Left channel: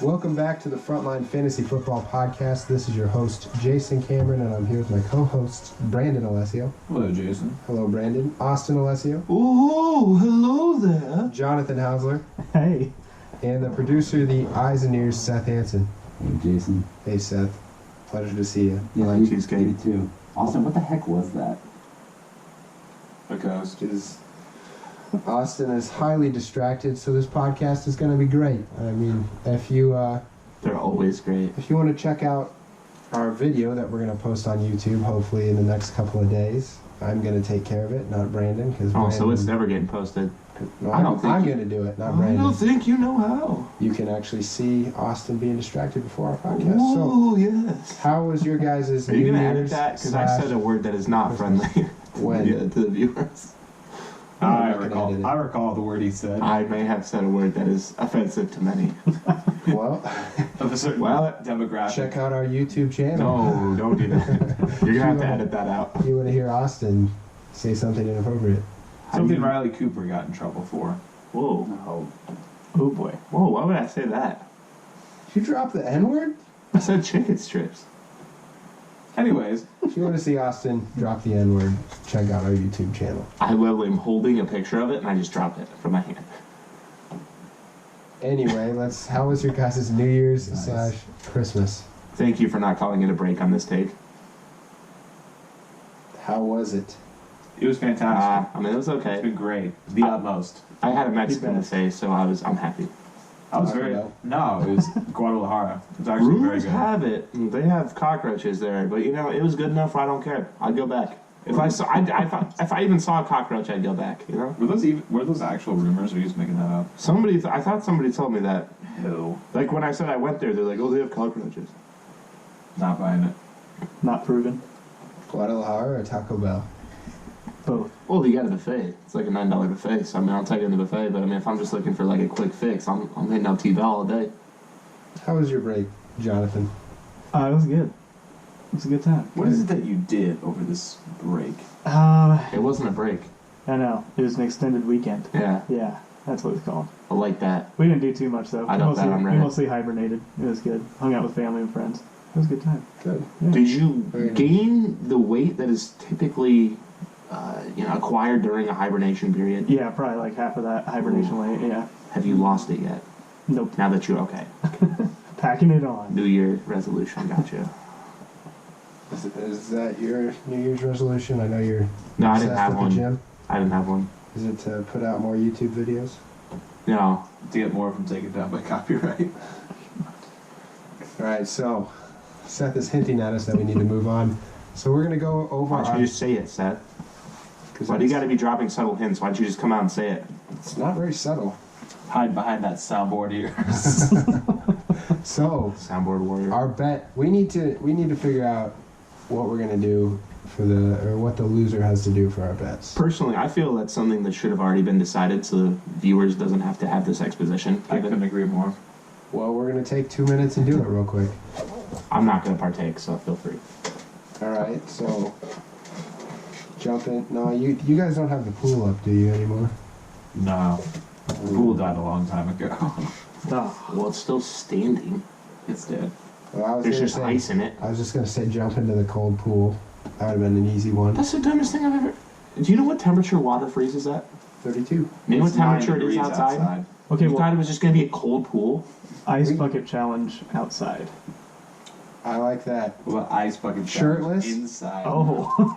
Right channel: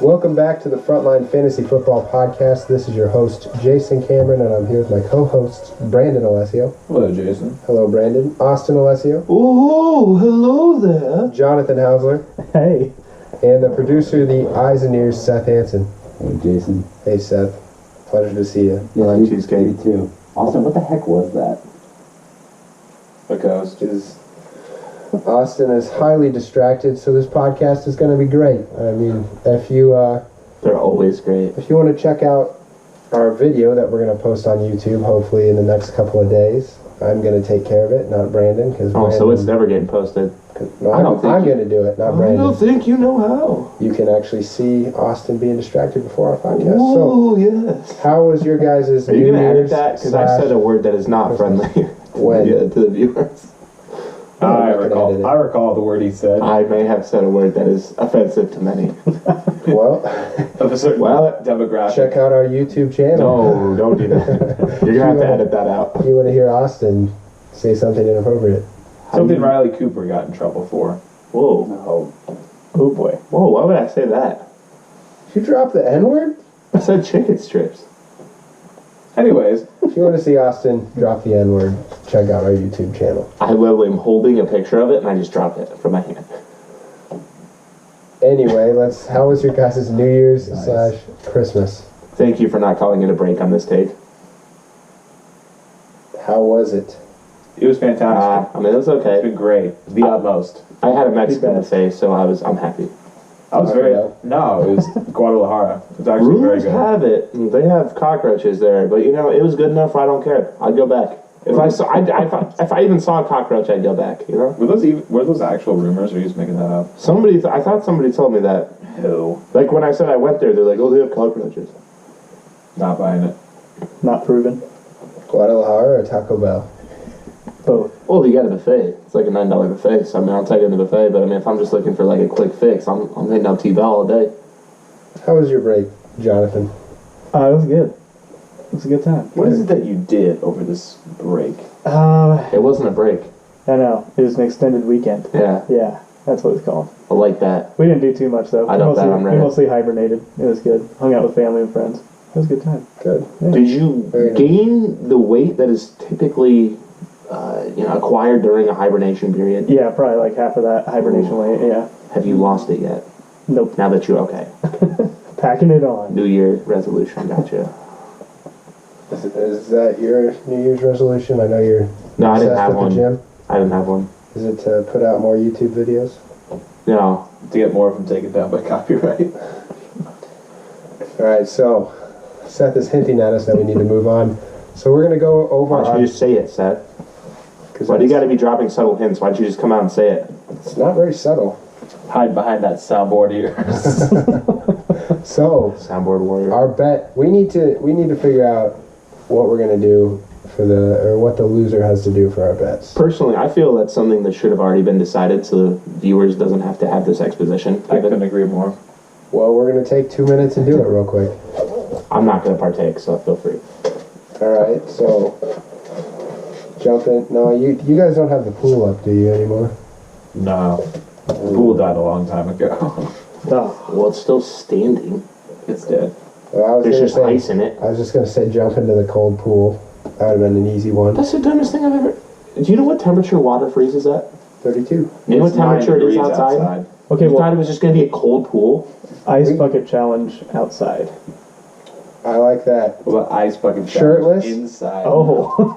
Welcome back to the Frontline Fantasy Football Podcast. This is your host, Jason Cameron, and I'm here with my co-host, Brandon Alessio. Hello, Jason. Hello, Brandon. Austin Alessio. Oh, hello there. Jonathan Hausler. Hey. And the producer, the eyes and ears, Seth Hansen. Hey, Jason. Hey, Seth. Pleasure to see you. Yeah, like cheesecake. You too. Austin, what the heck was that? A ghost. Austin is highly distracted, so this podcast is going to be great. I mean, if you They're always great. if you want to check out our video that we're going to post on YouTube, hopefully in the next couple of days, I'm going to take care of it, not Brandon. So it's never getting posted. No, I'm going to do it, not I Brandon. don't think you know how. You can actually see Austin being distracted before our podcast. Oh, So, yes. how was your guys' Are you New going to edit Year's that? Because I said a word that is not friendly to the viewers. I recall the word he said. I may have said a word that is offensive to many. Well, Of a certain demographic. check out our YouTube channel. No, don't do that. You're going to have to edit that out. You want to hear Austin say something inappropriate. Something Riley Cooper got in trouble for. Whoa. No. Oh boy. Whoa, why would I say that? You drop the N-word? I said chicken strips. Anyways, If you want to see Austin drop the N-word, check out our YouTube channel. I literally am holding a picture of it and I just dropped it from my hand. Anyway, how was your guys' New Year's / Christmas? Thank you for not calling it a break on this take. How was it? it was fantastic. I mean, it was okay. It's been great. The utmost. I had a Mexican best. buffet, so I'm happy. I was very... No, it was Guadalajara. It's actually Rumors very good. have it they have cockroaches there, but it was good enough. I don't care. I'd go back if I even saw a cockroach. I'd go back. Were those actual rumors, or are you just making that up? I thought somebody told me that. Who? Like when I said I went there, they're like, "Oh, they have cockroaches." Not buying it. Not proven. Guadalajara or Taco Bell? Both. Well, you got a buffet. It's like a $9 buffet. So I mean, I'll take it in the buffet. But I mean, if I'm just looking for like a quick fix, I'm hitting up T-Bell all day. How was your break, Jonathan? It was good. It was a good time. What is it that you did over this break? It wasn't a break. I know. It was an extended weekend. Yeah, Yeah, that's what it's called. I like that. We didn't do too much, though. I know that, I'm We ready. mostly hibernated. It was good. Hung out with family and friends. It was a good time. Good. Yeah. Did you Very nice. gain the weight that is typically, acquired during a hibernation period? Yeah, probably like half of that hibernation weight. Yeah. Have you lost it yet? Nope. Now that you're okay. Packing it on. New Year resolution, gotcha. Is that your New Year's resolution? I know you're No, I didn't obsessed have with one. the gym. I didn't have one. Is it to put out more YouTube videos? No. To get more of them taken down by copyright. All right, so Seth is hinting at us that we need to move on. So we're going to go over Why don't you just say it, Seth? because Why do you got to be dropping subtle hints? Why don't you just come out and say it? it's not very subtle. Hide behind that soundboard of yours. So Soundboard warrior. our bet, we need to figure out what we're going to do or what the loser has to do for our bets. Personally, I feel that's something that should have already been decided so the viewers doesn't have to have this exposition I couldn't given. agree more. Well, we're going to take 2 minutes and do it real quick. I'm not going to partake, so feel free. All right, so jump in. No, you guys don't have the pool up, do you, anymore? No. The pool died a long time ago. Oh, Well, it's still standing. It's dead. Well, I was There's gonna just say, ice in it. I was just going to say jump into the cold pool. That would have been an easy one. That's the dumbest thing I've ever... Do you know what temperature water freezes at? 32. You know what It's 9 temperature it is degrees outside? okay, You thought well, it was just going to be a cold pool? ice bucket challenge outside. I like that. What about ice bucket Shirtless? challenge inside? Oh.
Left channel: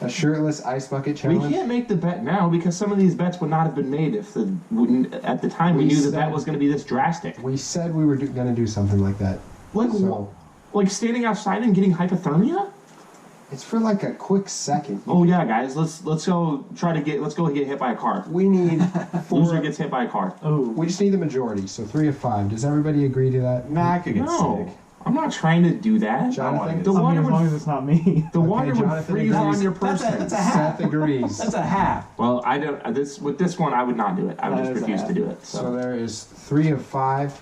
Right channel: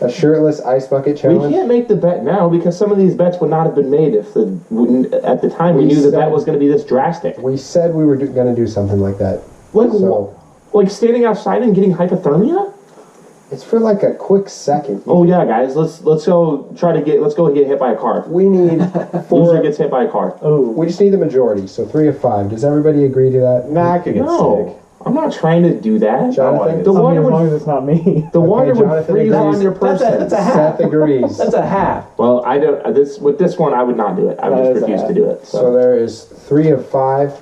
A shirtless ice bucket We challenge. can't make the bet now because some of these bets would not have been made if at the time we We knew the said- bet was going to be this drastic. We said we were going to do something like that. Like, So like standing outside and getting hypothermia? it's for like a quick second. Oh yeah, guys, let's go get hit by a car. We need Loser 4. gets hit by a car. Oh. We just need the majority. So 3 of 5. Does everybody agree to that? Nah, I could get No, sick. I'm not trying to do that. Jonathan? The I water mean, as long would as it's not me. the water would Jonathan freeze agrees. on your person. That's a half. Seth agrees. That's a half. Well, I don't. With this one, I would not do it. I would That just is a refuse half. to do it. So So. there is 3 of 5.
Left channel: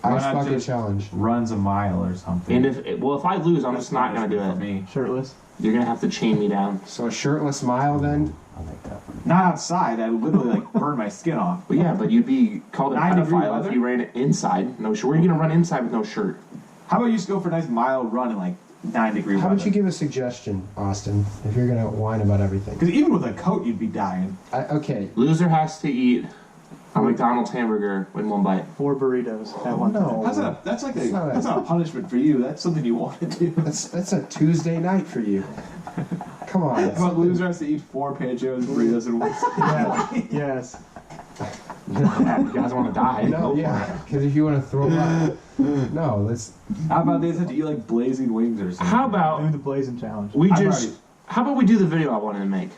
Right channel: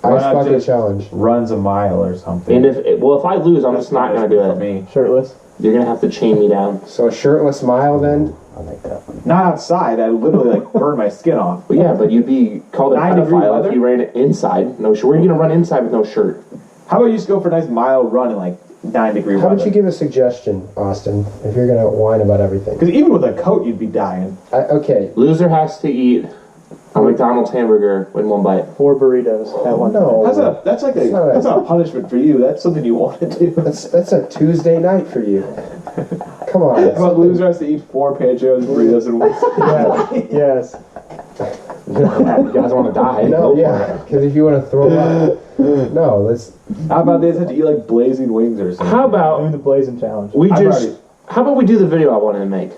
Why Ice not bucket just- challenge. Runs a mile or something. And if I lose, I'm just not gonna do for it. me. Shirtless. You're gonna have to chain me down. So a shirtless mile then. I like that one. Not outside. I literally like burned my skin off. But yeah, but you'd be called a 9-degree pedophile weather? if you ran it inside. No shirt. Where are you gonna run inside with no shirt? How about you just go for a nice mild run in like 9-degree How weather? about you give a suggestion, Austin, if you're going to whine about everything? Because even with a coat, you'd be dying. Okay. Loser has to eat a McDonald's hamburger in one bite. 4 burritos at one time. No. That's like It's not that's not a punishment for you. That's something you want to do. That's a Tuesday night for you. Come on. How about loser has to eat 4 panchos, burritos, and one. Yes. Yeah, you guys want to die? No, yeah, because if you want to throw up, no, let's. How about they just have to eat like blazing wings or something? How Do about the blazing challenge. we I've just? already- How about we do the video I wanted to make?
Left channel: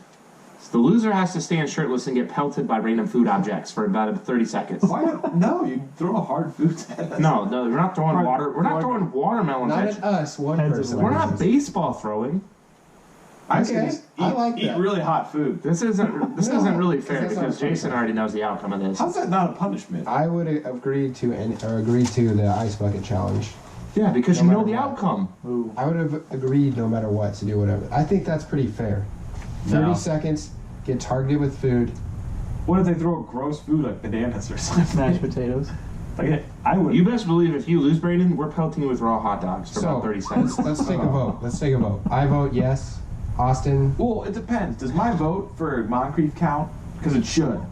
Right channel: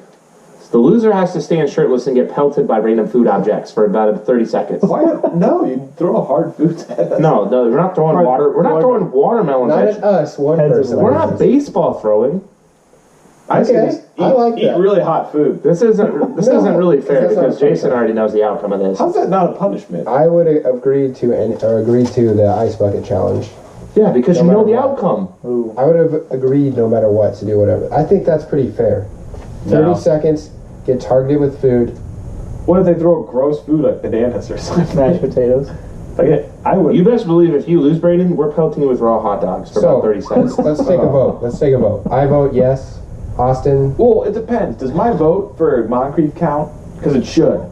So the loser has to stand shirtless and get pelted by random food objects for about 30 seconds. Why? No, you throw a hard food at us. No, we're not throwing water. We're not throwing watermelons Not at at you. us, one Heads person. and We're not baseball throwing. I say Okay, just I like eat that. really hot food. This isn't really fair that's not because fair. Jason already knows the outcome of this. How's that not a punishment? I would agree to the ice bucket challenge. Yeah, because No you know matter the what. outcome. Ooh. I would have agreed no matter what to do whatever. I think that's pretty fair. 30 No. seconds, get targeted with food. What if they throw gross food like bananas or something? Mashed potatoes. Okay, I would. You best believe if you lose, Brayden, we're pelting you with raw hot dogs for about 30 seconds. Let's take a vote. Let's take a vote. I vote yes. Austin, Well, it depends. Does my vote for Moncrief count? Because it should.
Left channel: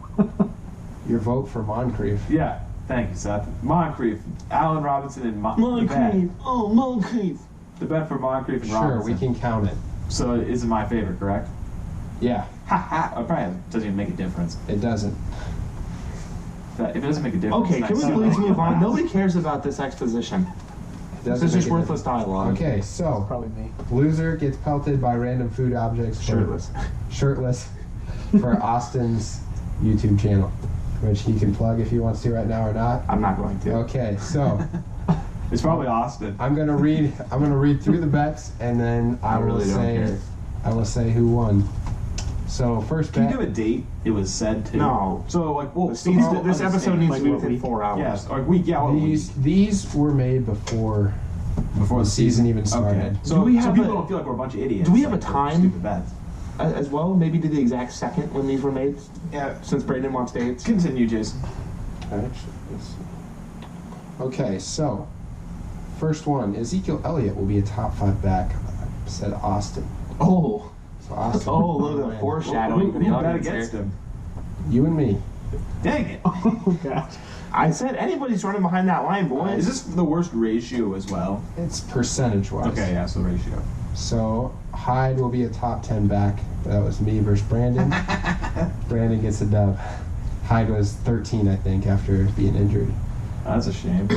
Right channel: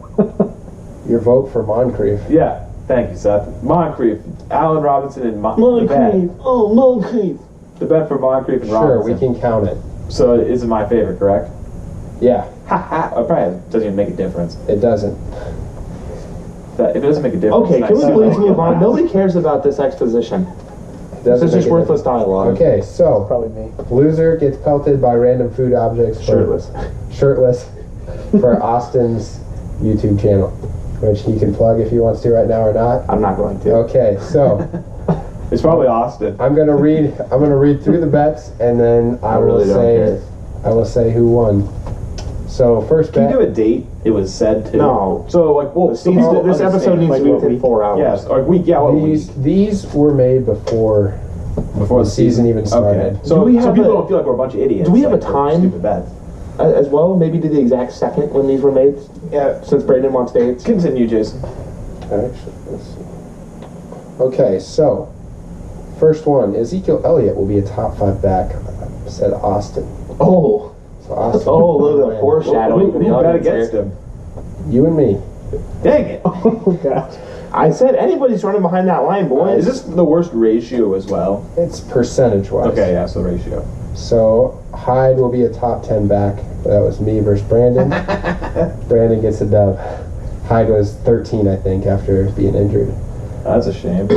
your vote for Moncrief. Yeah. Thank you, Seth. Moncrief, Allen Robinson, and the bet. Oh, Moncrief. The bet for Moncrief and Sure, Robinson. we can count it. So it isn't my favorite, correct? Yeah, Ha ha. It probably doesn't even make a difference. it doesn't. But if it doesn't make a difference, Okay, then can I we see please why. move on? Nobody cares about this exposition. It This doesn't is just make a worthless dialogue. Okay, so Probably me. loser gets pelted by random food objects. Shirtless. Shirtless for Austin's YouTube channel, which he can plug if he wants to right now or not. I'm not going to. Okay, so It's probably Austin. I'm gonna read through the bets and then I will really don't say care. who won. So first Can you bet. give a date? It was said to. No. So like, well, This, people this episode understand. needs Like to be what within week? 4 hours. Yes, or week. Yeah, what These were made before before the season even started. Okay. So, Do we so have people a- don't feel like we're a bunch of idiots. do we have like, a for time? Stupid bets. As well, maybe to the exact second when these were made, Yeah. since Brayden wants dates. Continue, Jason. Actually, let's see. Okay, so first one, Ezekiel Elliott will be a top 5 back, said Austin. Oh. So Austin, Oh, look at the foreshadowing for the Who bet audience against here. him? you and me. Dang it! Oh, gosh. I said anybody's running behind that line, boys. Is this the worst ratio as well? It's percentage wise. Okay, yeah, so ratio. So Hyde will be a top 10 back. That was me versus Brandon. Brandon gets a dub. Hyde was 13, I think, after being injured. That's a shame.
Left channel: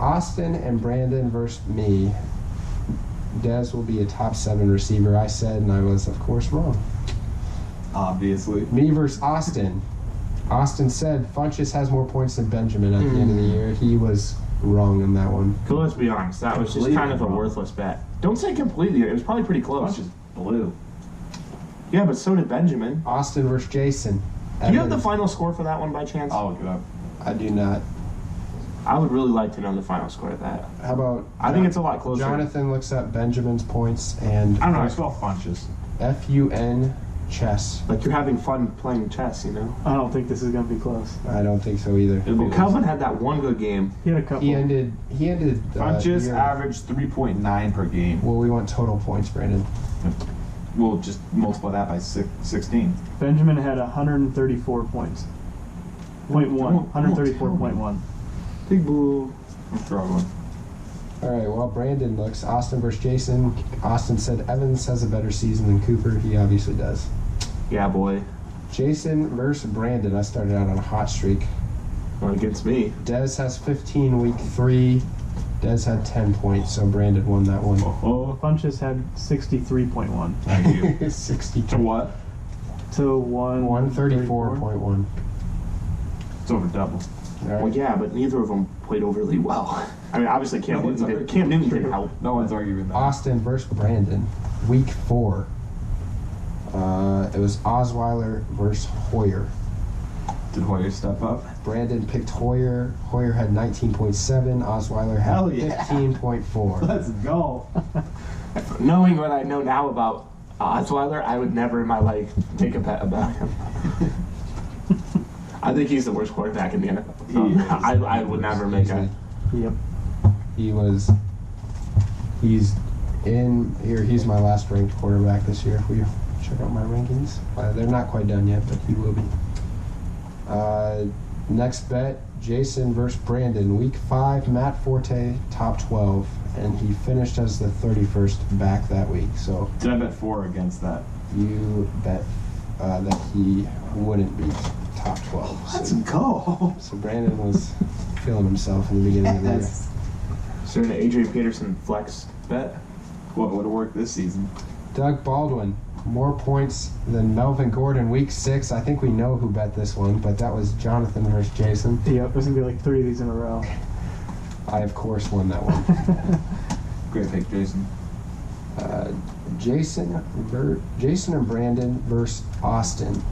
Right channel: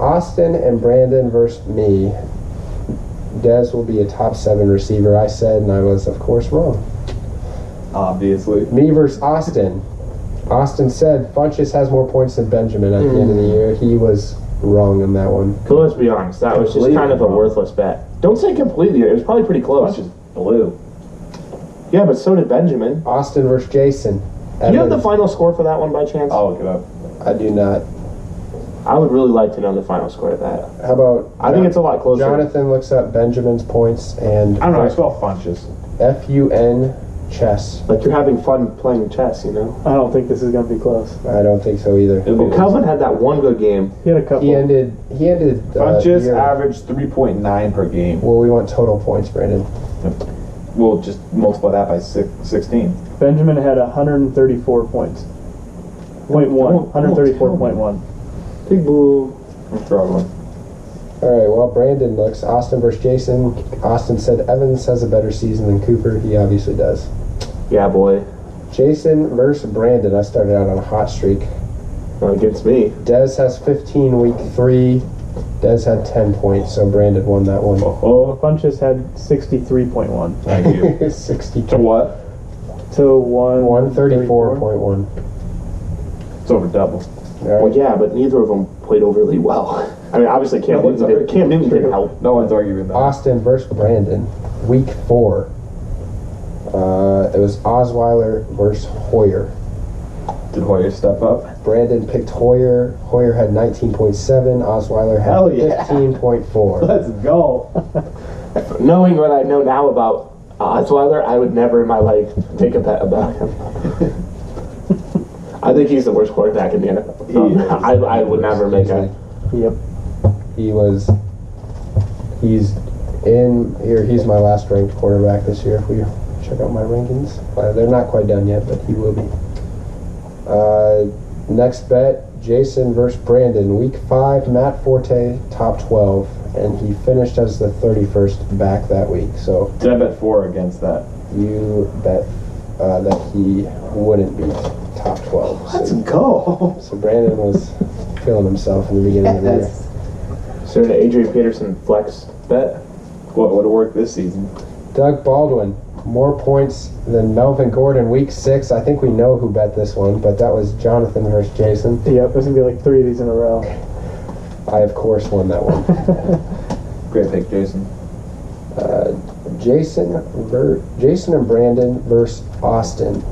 Austin and Brandon versus me. Dez will be a top 7 receiver, I said, and I was, of course, wrong. Obviously. Me versus Austin. Austin said Funchess has more points than Benjamin at the end of the year. He was wrong on that one. But let's be honest, that was just Completely kind of a wrong. worthless bet. Don't say completely, it was probably pretty close. Bunch is blue. Yeah, but so did Benjamin. Austin versus Jason. Do you have the Evans. final score for that one by chance? I'll look it up. I do not. I would really like to know the final score of that. How about I think it's a lot closer. Jonathan looks up Benjamin's points and I don't know. I spell funches. FUN chess. Like you're having fun playing chess, you know? I don't think this is going to be close. I don't think so either. It'll be Well, Calvin had that one good game. He had a couple. He ended. Funches year- averaged 3.9 per game. Well, we want total points, Brandon. We'll just multiply that by 16. Benjamin had 134 points. Point one. Don't 134.1. Big boo. I'm struggling. All right. Well, Brandon looks Austin versus Jason. Austin said Evans has a better season than Cooper. He obviously does. Yeah, boy. Jason versus Brandon. I started out on a hot streak. Against me. Dez has 15 week 3. Dez had 10 points, so Brandon won that one. Oh, Funches had 63.1. thank you. 62. To what? So 134.1. It's over double. All right. Well, yeah, but neither of them played overly well. I mean, obviously Cam Newton didn't help. No one's arguing that. Austin versus Brandon, week 4. It was Osweiler versus Hoyer. Did Hoyer step up? Brandon picked Hoyer. Hoyer had 19.7. Osweiler had Hell yeah. 15.4. Let's go. Knowing what I know now about Osweiler, I would never in my life take a bet about him. I think he's the worst quarterback in the NFL. I would never make a. Yep. He's in here. He's my last ranked quarterback this year. If we check out my rankings, they're not quite done yet, but he will be. Next bet: Jason versus Brandon. Week 5, Matt Forte, top 12, and he finished as the 31st back that week. So Did I bet 4 against that? you bet that he wouldn't be top 12. Let's go. So Brandon was feeling himself in the beginning of the year. Is there an Adrian Peterson flex bet? What would have worked this season? Doug Baldwin, more points than Melvin Gordon, week 6. I think we know who bet this one, but that was Jonathan versus Jason. Yep, there's going to be like 3 of these in a row. I, of course, won that one. Great pick, Jason. Jason and Brandon versus Austin.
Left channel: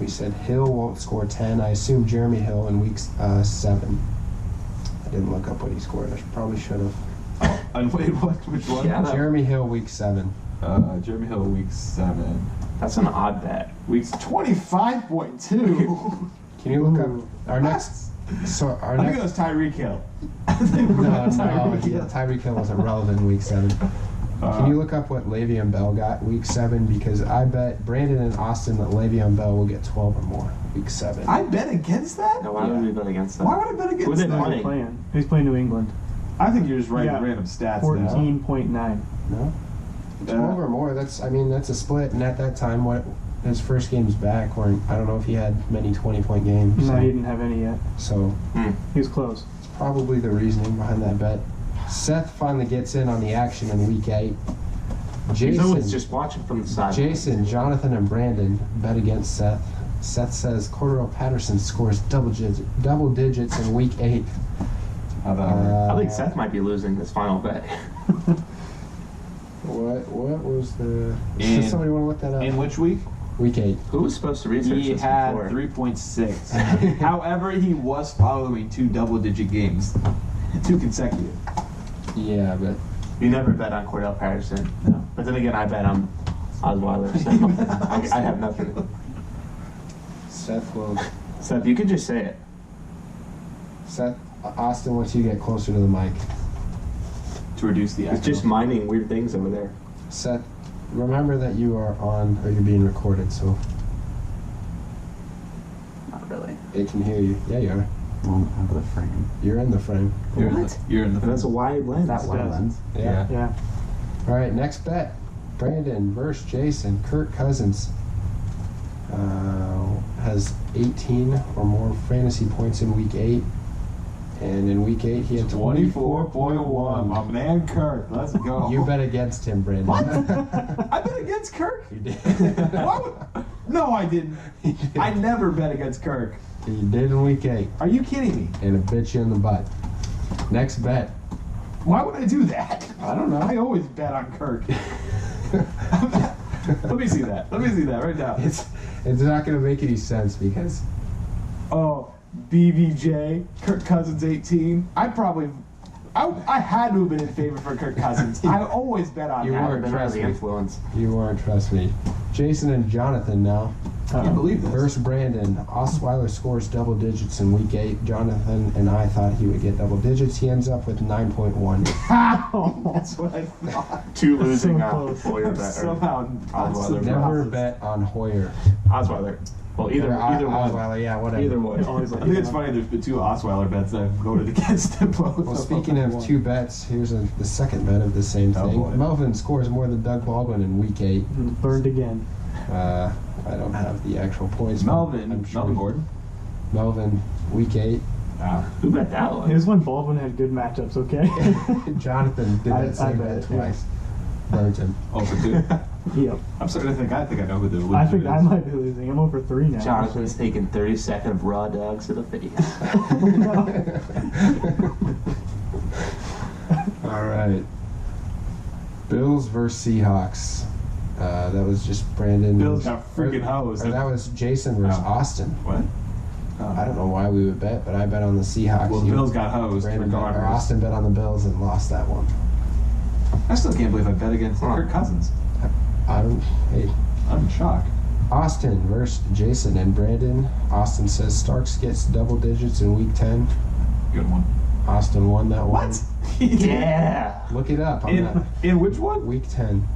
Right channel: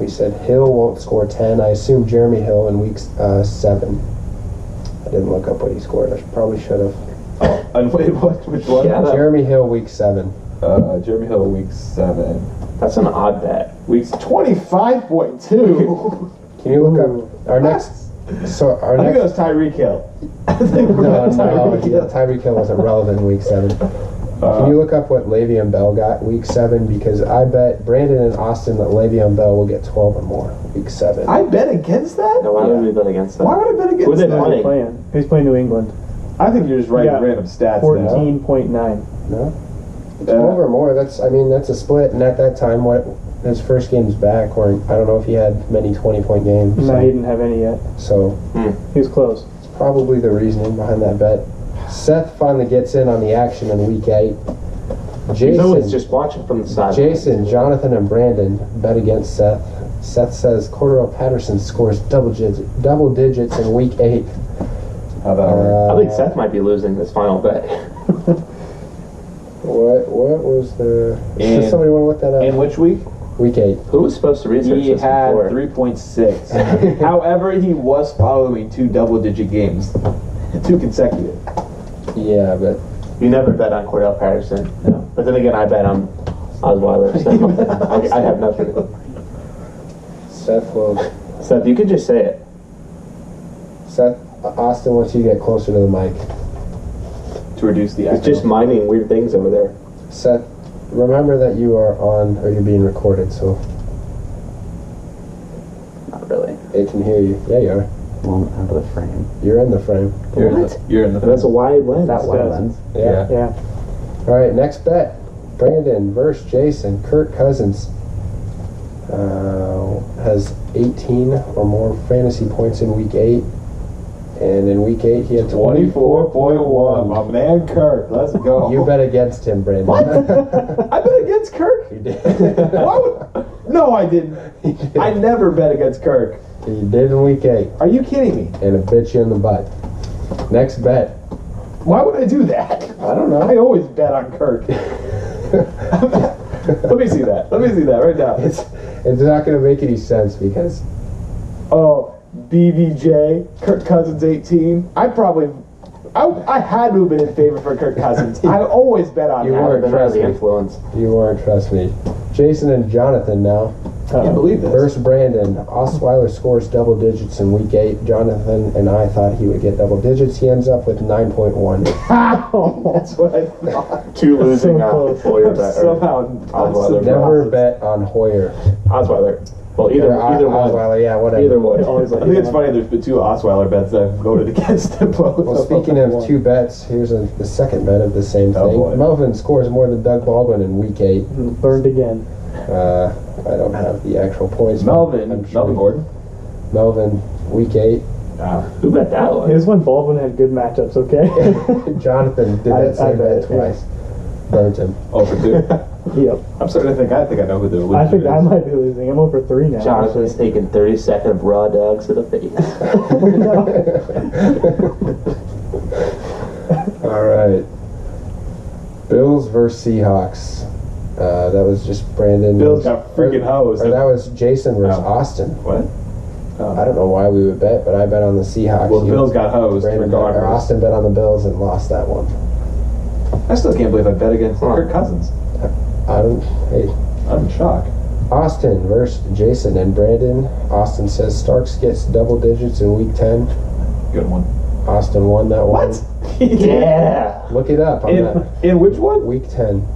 We said Hill won't score 10. I assume Jeremy Hill in week 7. I didn't look up what he scored. I probably should have. And wait, which one? Yeah, Jeremy Hill, week 7. Jeremy Hill, week 7. That's an odd bet. Weeks 25.2. Can you look up our next? So our I think it next. was Tyreek Hill. No, Tyreek Hill wasn't relevant in week 7. Can you look up what Le'Veon Bell got week 7? Because I bet Brandon and Austin that Le'Veon Bell will get 12 or more week 7. I bet against that? No, why would we bet against that? Why would I bet Who against they that? playing? He's playing New England. I think you're just writing Yeah. random stats 14.9. No, 12 or more. That's a split. And at that time, his first game's back, or I don't know if he had many 20-point games. No, he didn't have any yet. So He was close. it's probably the reasoning behind that bet. Seth finally gets in on the action in week 8. He's always just watching from the side. Jason, Jonathan, and Brandon bet against Seth. Seth says Cordero Patterson scores double digits in week 8. How about I think Seth might be losing this final bet. What was the? In- Does somebody want to look that up? in which week? Week 8. Who was supposed to research He this had before? 3.6. However, he was following 2 double-digit games, 2 consecutive. Yeah, but You never bet on Cordell Patterson. No. But then again, I bet on Osweiler. So I have nothing. Seth will. Seth, you could just say it. Seth, Austin wants you to get closer to the mic. To reduce the He's echo. just mining weird things over there. Seth, remember that you are on, or you're being recorded, so Not really. it can hear you. Yeah, you are. Well, out of the frame. You're in the frame. You're in the That's a wide lens. That wide lens. Yeah. Yeah. All right, next bet. Brandon versus Jason. Kirk Cousins has 18 or more fantasy points in week 8. And in week 8, he had 24.1. My man Kirk. Let's go. You bet against him, Brandon. What? I bet against Kirk? You did. Why would... No, I didn't. I never bet against Kirk. You did in week 8. Are you kidding me? And it bit you in the butt. Next bet. Why would I do that? I don't know. I always bet on Kirk. Let me see that. Let me see that right now. It's not going to make any sense because Oh, BBJ, Kirk Cousins 18. I had to have been in favor for Kirk Cousins. I always bet on You him. weren't. Been under Trust the me. influence. you weren't, trust me. Jason and Jonathan now. Can you believe this? Versus Brandon. Osweiler scores double digits in week 8. Jonathan and I thought he would get double digits. He ends up with 9.1. That's what I thought. 2 losing So close. Hoyer bet. Or Somehow, Osweiler. Never bet on Hoyer. Osweiler. Well, either one. Osweiler, yeah, whatever. Either one. Always I like think it's funny. There's been 2 Osweiler bets that I've voted against them both. Well, speaking of 2 bets, here's the second bet of the same Oh, thing. boy. Melvin scores more than Doug Baldwin in week 8. Burned again. I don't have the actual points. but Melvin I'm sure Gordon. Melvin, week 8. Who bet that It one? was when Baldwin had good matchups, okay? Jonathan did that I same bet, bet twice. Burnt him. Oh, for 2. Yep. I'm starting to think I know who the loser I think is. I might be losing. I'm over 3 now. Jonathan's taking 30 seconds of raw dogs to the face. All right. Bills versus Seahawks. That was just Brandon. Bills got freaking hosed. Or that was Jason versus Oh. Austin. What? I don't know why we would bet, but I bet on the Seahawks. Well, the You- Bills got hosed Brandon bet, or regardless. Austin bet on the Bills and lost that one. I still can't believe I bet against Kirk Cousins. Hey, I'm shocked. Austin versus Jason and Brandon. Austin says Starks gets double digits in week 10. Good one. Austin won that one. What? Yeah. Look it up. I'm not, In which one? week 10.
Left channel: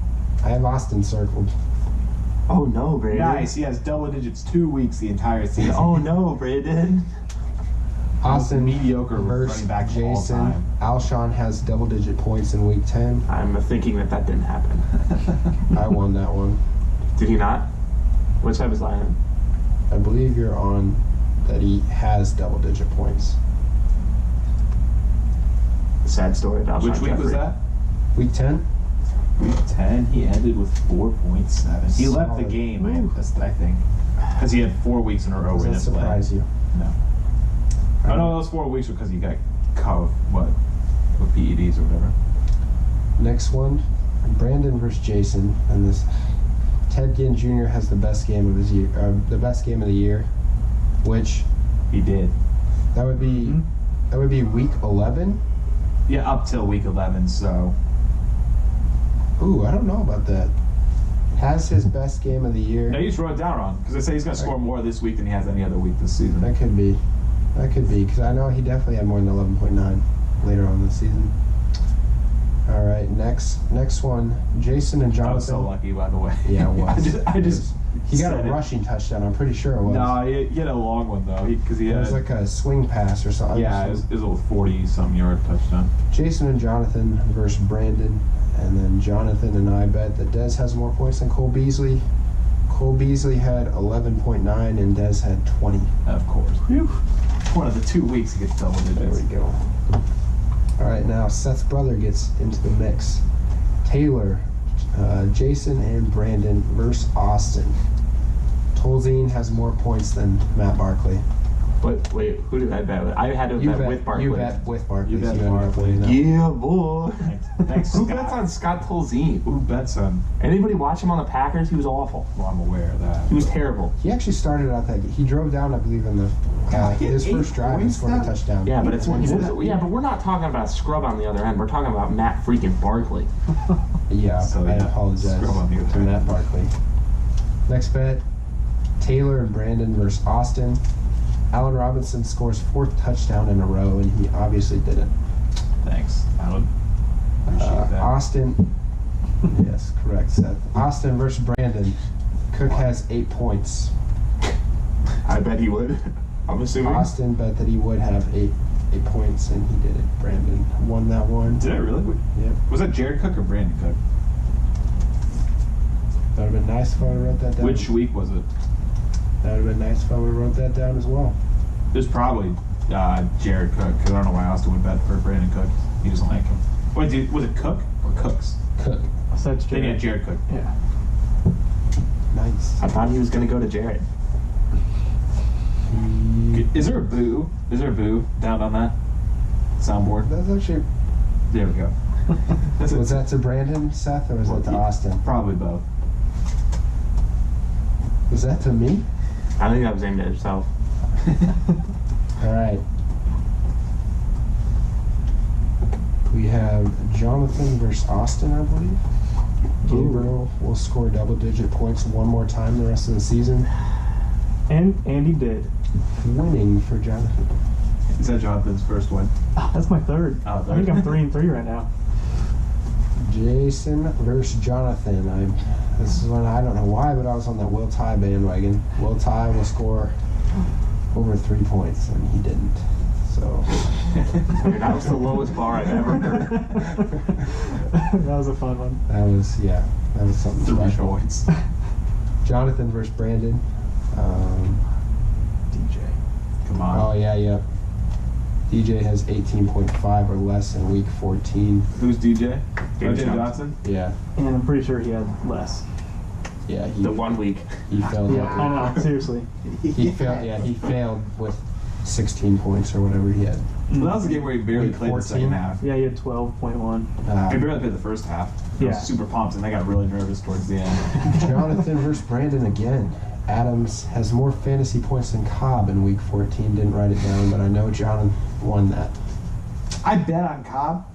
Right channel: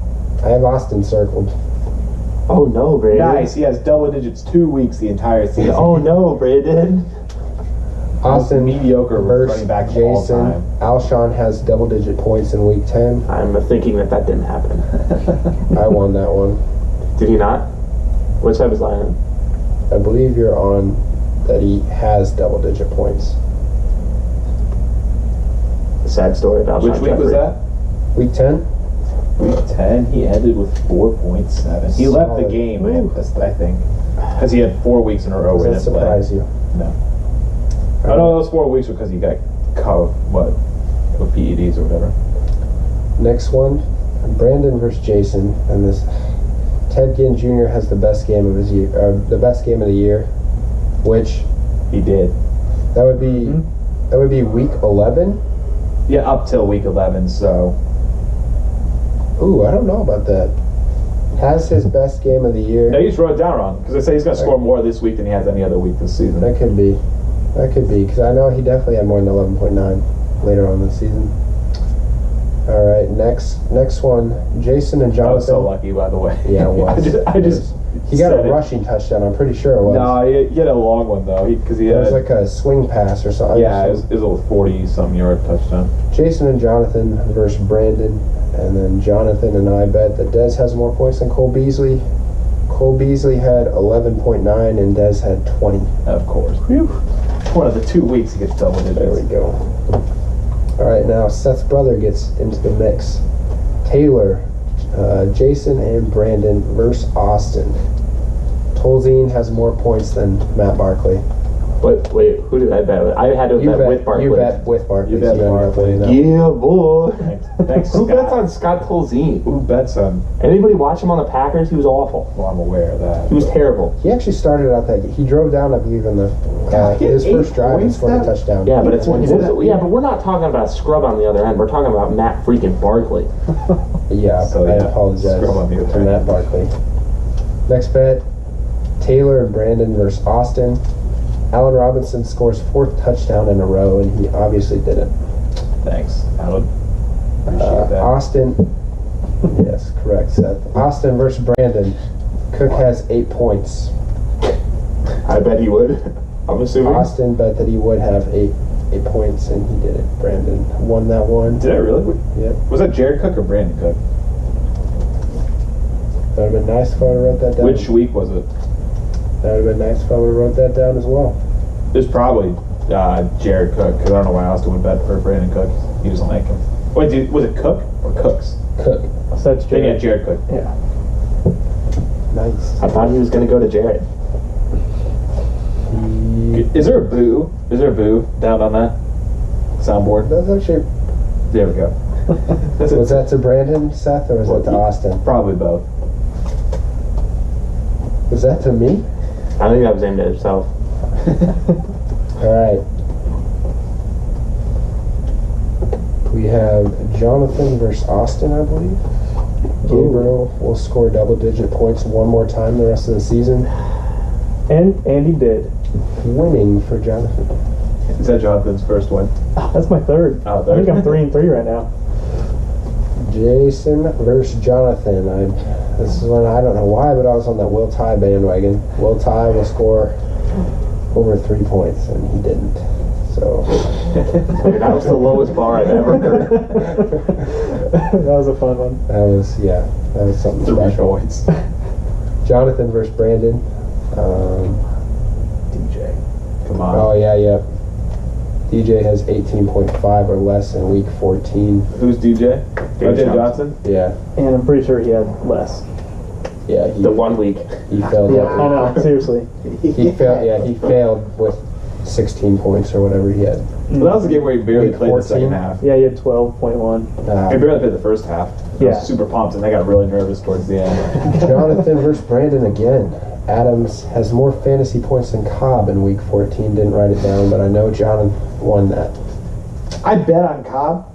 I have Austin circled. Oh no, Brandon. Nice. He has double digits 2 weeks the entire season. Oh no, Brandon. Austin mediocre versus running back of all Jason. time. Alshon has double digit points in week 10. I'm thinking that didn't happen. I won that one. Did he not? Which side was I on? I believe you're on that he has double digit points. The sad story about Which Sean week was Jeffrey. that? Week 10? Week 10. He ended with 4.7. He left the Solid. game, I think, because he had 4 weeks in a row Does where he that didn't play. surprise you? No. I know those 4 weeks were because he got caught with PEDs or whatever. Next one, Brandon versus Jason, and this Ted Ginn Jr. has the best game of his year, the best game of the year, which He did. that would be week 11. Yeah, up till week 11. So Ooh, I don't know about that. Has his best game of the year. no, you just wrote it down wrong because I say he's going to score more this week than he has any other week this season. That could be, because I know he definitely had more than 11.9 later on in the season. All right, next one, Jason and I Jonathan. was so lucky, by the way. Yeah, it was. I just He got a said it. rushing touchdown. I'm pretty sure it was. No, he had a long one though, because he It had was like a swing pass or something. yeah, it was a 40-some yard touchdown. Jason and Jonathan versus Brandon, and then Jonathan and I bet that Dez has more points than Cole Beasley. Cole Beasley had 11.9 and Dez had 20. Of course. One of the 2 weeks he gets double digits. There we go. All right, now Seth's brother gets into the mix. Taylor, Jason and Brandon versus Austin. Tolzien has more points than Matt Barkley. Wait, who did I bet with? I had to bet with Barkley. You bet with Barkley. You bet so ended up Barkley. winning that. Yeah, boy. Thanks, Who Scott. bets on Scott Tolzien? Who bets on? Anybody watch him on the Packers? He was awful. Well, I'm aware of that. He was terrible. He actually started out that. He drove down, I believe, in the he had his 8 first drive and points scored a that- touchdown. Yeah, but it's He did that. yeah, but we're not talking about a scrub on the other end. We're talking about Matt freaking Barkley. Yeah, So, I yeah, apologize scrub on the other to end. Matt Barkley. Next bet, Taylor and Brandon versus Austin. Allen Robinson scores 4th touchdown in a row, and he obviously didn't. Thanks, Alan. Appreciate that. Austin, yes, correct, Seth. Austin versus Brandon. Cook has 8 points. I bet he would. I'm assuming. Austin bet that he would have 8 points, and he did it. Brandon won that one. Did I really? Yep. Was that Jared Cook or Brandon Cook? That would have been nice if I would have wrote that down. Which week was it? That would have been nice if I would have wrote that down as well. It was probably Jared Cook, because I don't know why Austin would bet for Brandon Cook. He doesn't like him. Wait, was it Cook or Cooks? Cook. So that's Yeah, Jared. Jared Cook. Yeah. Nice. I thought he was going to go to Jared. Is there a boo? Is there a boo down on that soundboard? That's actually. There we go. Was that to Brandon, Seth, or was that to Austin? Probably both. Was that to me? I think that was aimed at himself. All right. We have Jonathan versus Austin, I believe. Gabriel will score double-digit points one more time the rest of the season. And he did. Winning for Jonathan. Is that Jonathan's first one? That's my third. Oh, I think third. I'm 3-3 right now. Jason versus Jonathan. This is when I don't know why, but I was on that Will Tye bandwagon. Will Tye will score over 3 points, and he didn't. So Dude, that was the lowest bar I've ever heard. That was a fun one. that was something 3 special. points. Jonathan versus Brandon. DJ. Come on. Oh yeah. DJ has 18.5 or less in week 14. Who's DJ? David DJ Johnson. Johnson? Yeah, And I'm pretty sure he had less. yeah. The 1 week. He failed. Yeah, that I know. Seriously. He failed. Yeah, he failed with 16 points or whatever he had. Well, that was a game where he barely Week played the 14? second half. Yeah, he had 12.1. He barely played the first half. I Yeah. was super pumped, and they got really nervous towards the end. Jonathan versus Brandon again. Adams has more fantasy points than Cobb in week 14. Didn't write it down, but I know Jonathan won that. I bet on Cobb,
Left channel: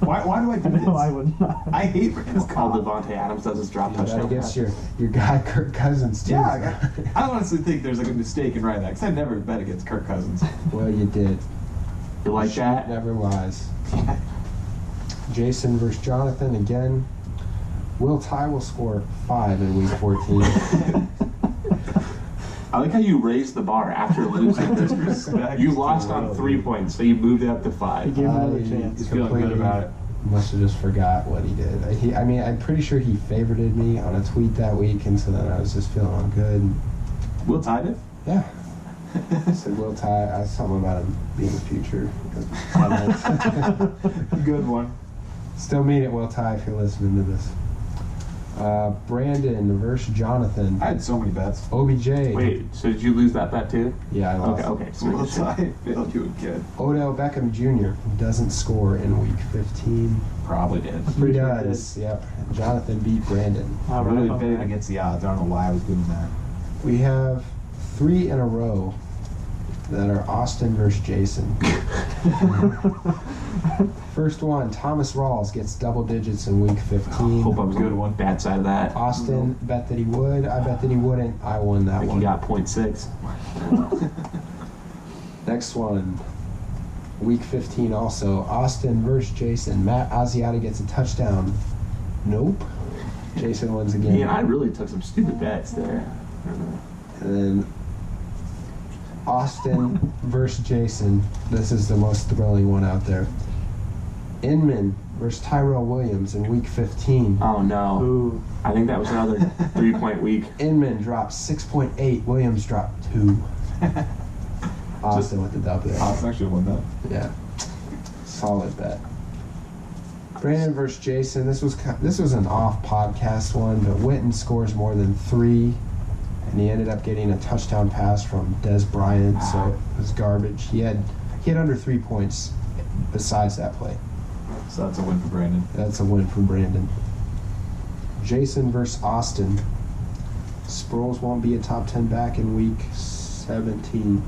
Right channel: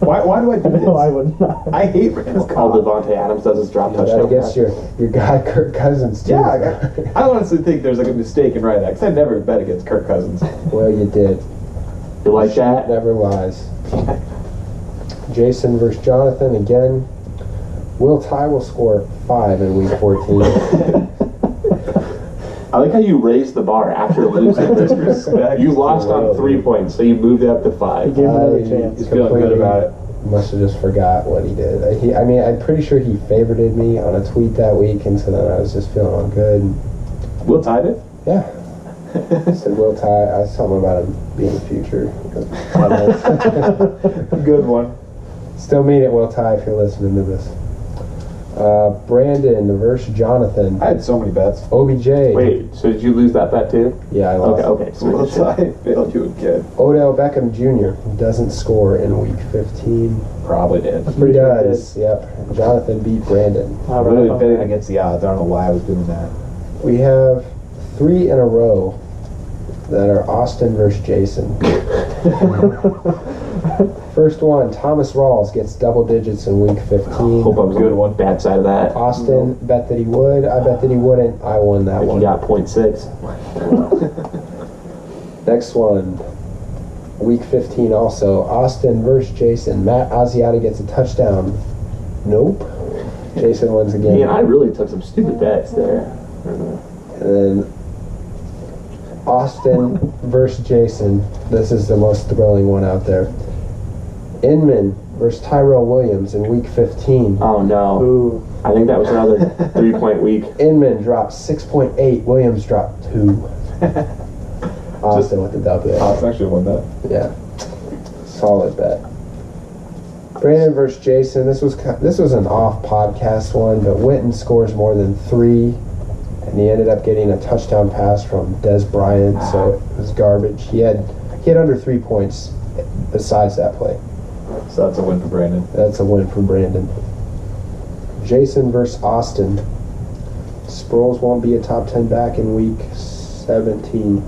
Why do I do this? No, I would not. I hate Randall's All comment. Devontae Adams does is drop I touchdown. guess your guy Kirk Cousins too. Yeah, I honestly think there's like a mistake in writing that because I never bet against Kirk Cousins. Well, you did. You like that? Never lies. Jason versus Jonathan again. Will Ty will score 5 in week 14. I like how you raised the bar after losing. Respect. You lost on 3 points, so you moved it up to 5. Give him another chance. He's feeling good about it. Must have just forgot what he did. I mean, I'm pretty sure he favorited me on a tweet that week, and so then I was just feeling all good. Will tied it? Yeah. I said Will Ty. I something about him being future. Good one. Still mean it, Will Ty, if you're listening to this. Brandon versus Jonathan. I had so many bets. OBJ. Wait, so did you lose that bet too? Yeah, I lost. Okay. So Will tied failed you again. Odell Beckham Jr. doesn't score in week 15. Probably did. He does. Yep. Jonathan beat Brandon. I'm All literally right, betting okay. against the odds. I don't know why I was doing that. We have 3 in a row that are Austin versus Jason. First one, Thomas Rawls gets double digits in week 15. Hope I was Good on one. the bad side of that. Austin bet that he would. I bet that he wouldn't. I won that I think one. he got 0.6. Next one, week 15 also. Austin versus Jason. Matt Asiata gets a touchdown. Nope. Jason wins again. Yeah, I really took some stupid bets there. And then Austin versus Jason. This is the most thrilling one out there. Inman versus Tyrell Williams in week 15. Oh no. Ooh. I think that was another 3-point week. Inman dropped 6.8. Williams dropped 2. Austin with the W. Austin actually won that. Yeah. Solid bet. Brandon versus Jason. This was an off podcast one, but Witten scores more than 3, and he ended up getting a touchdown pass from Des Bryant, so it was garbage. He had under 3 points besides that play. So that's a win for Brandon. That's a win for Brandon. Jason versus Austin. Sproles won't be a top 10 back in week 17.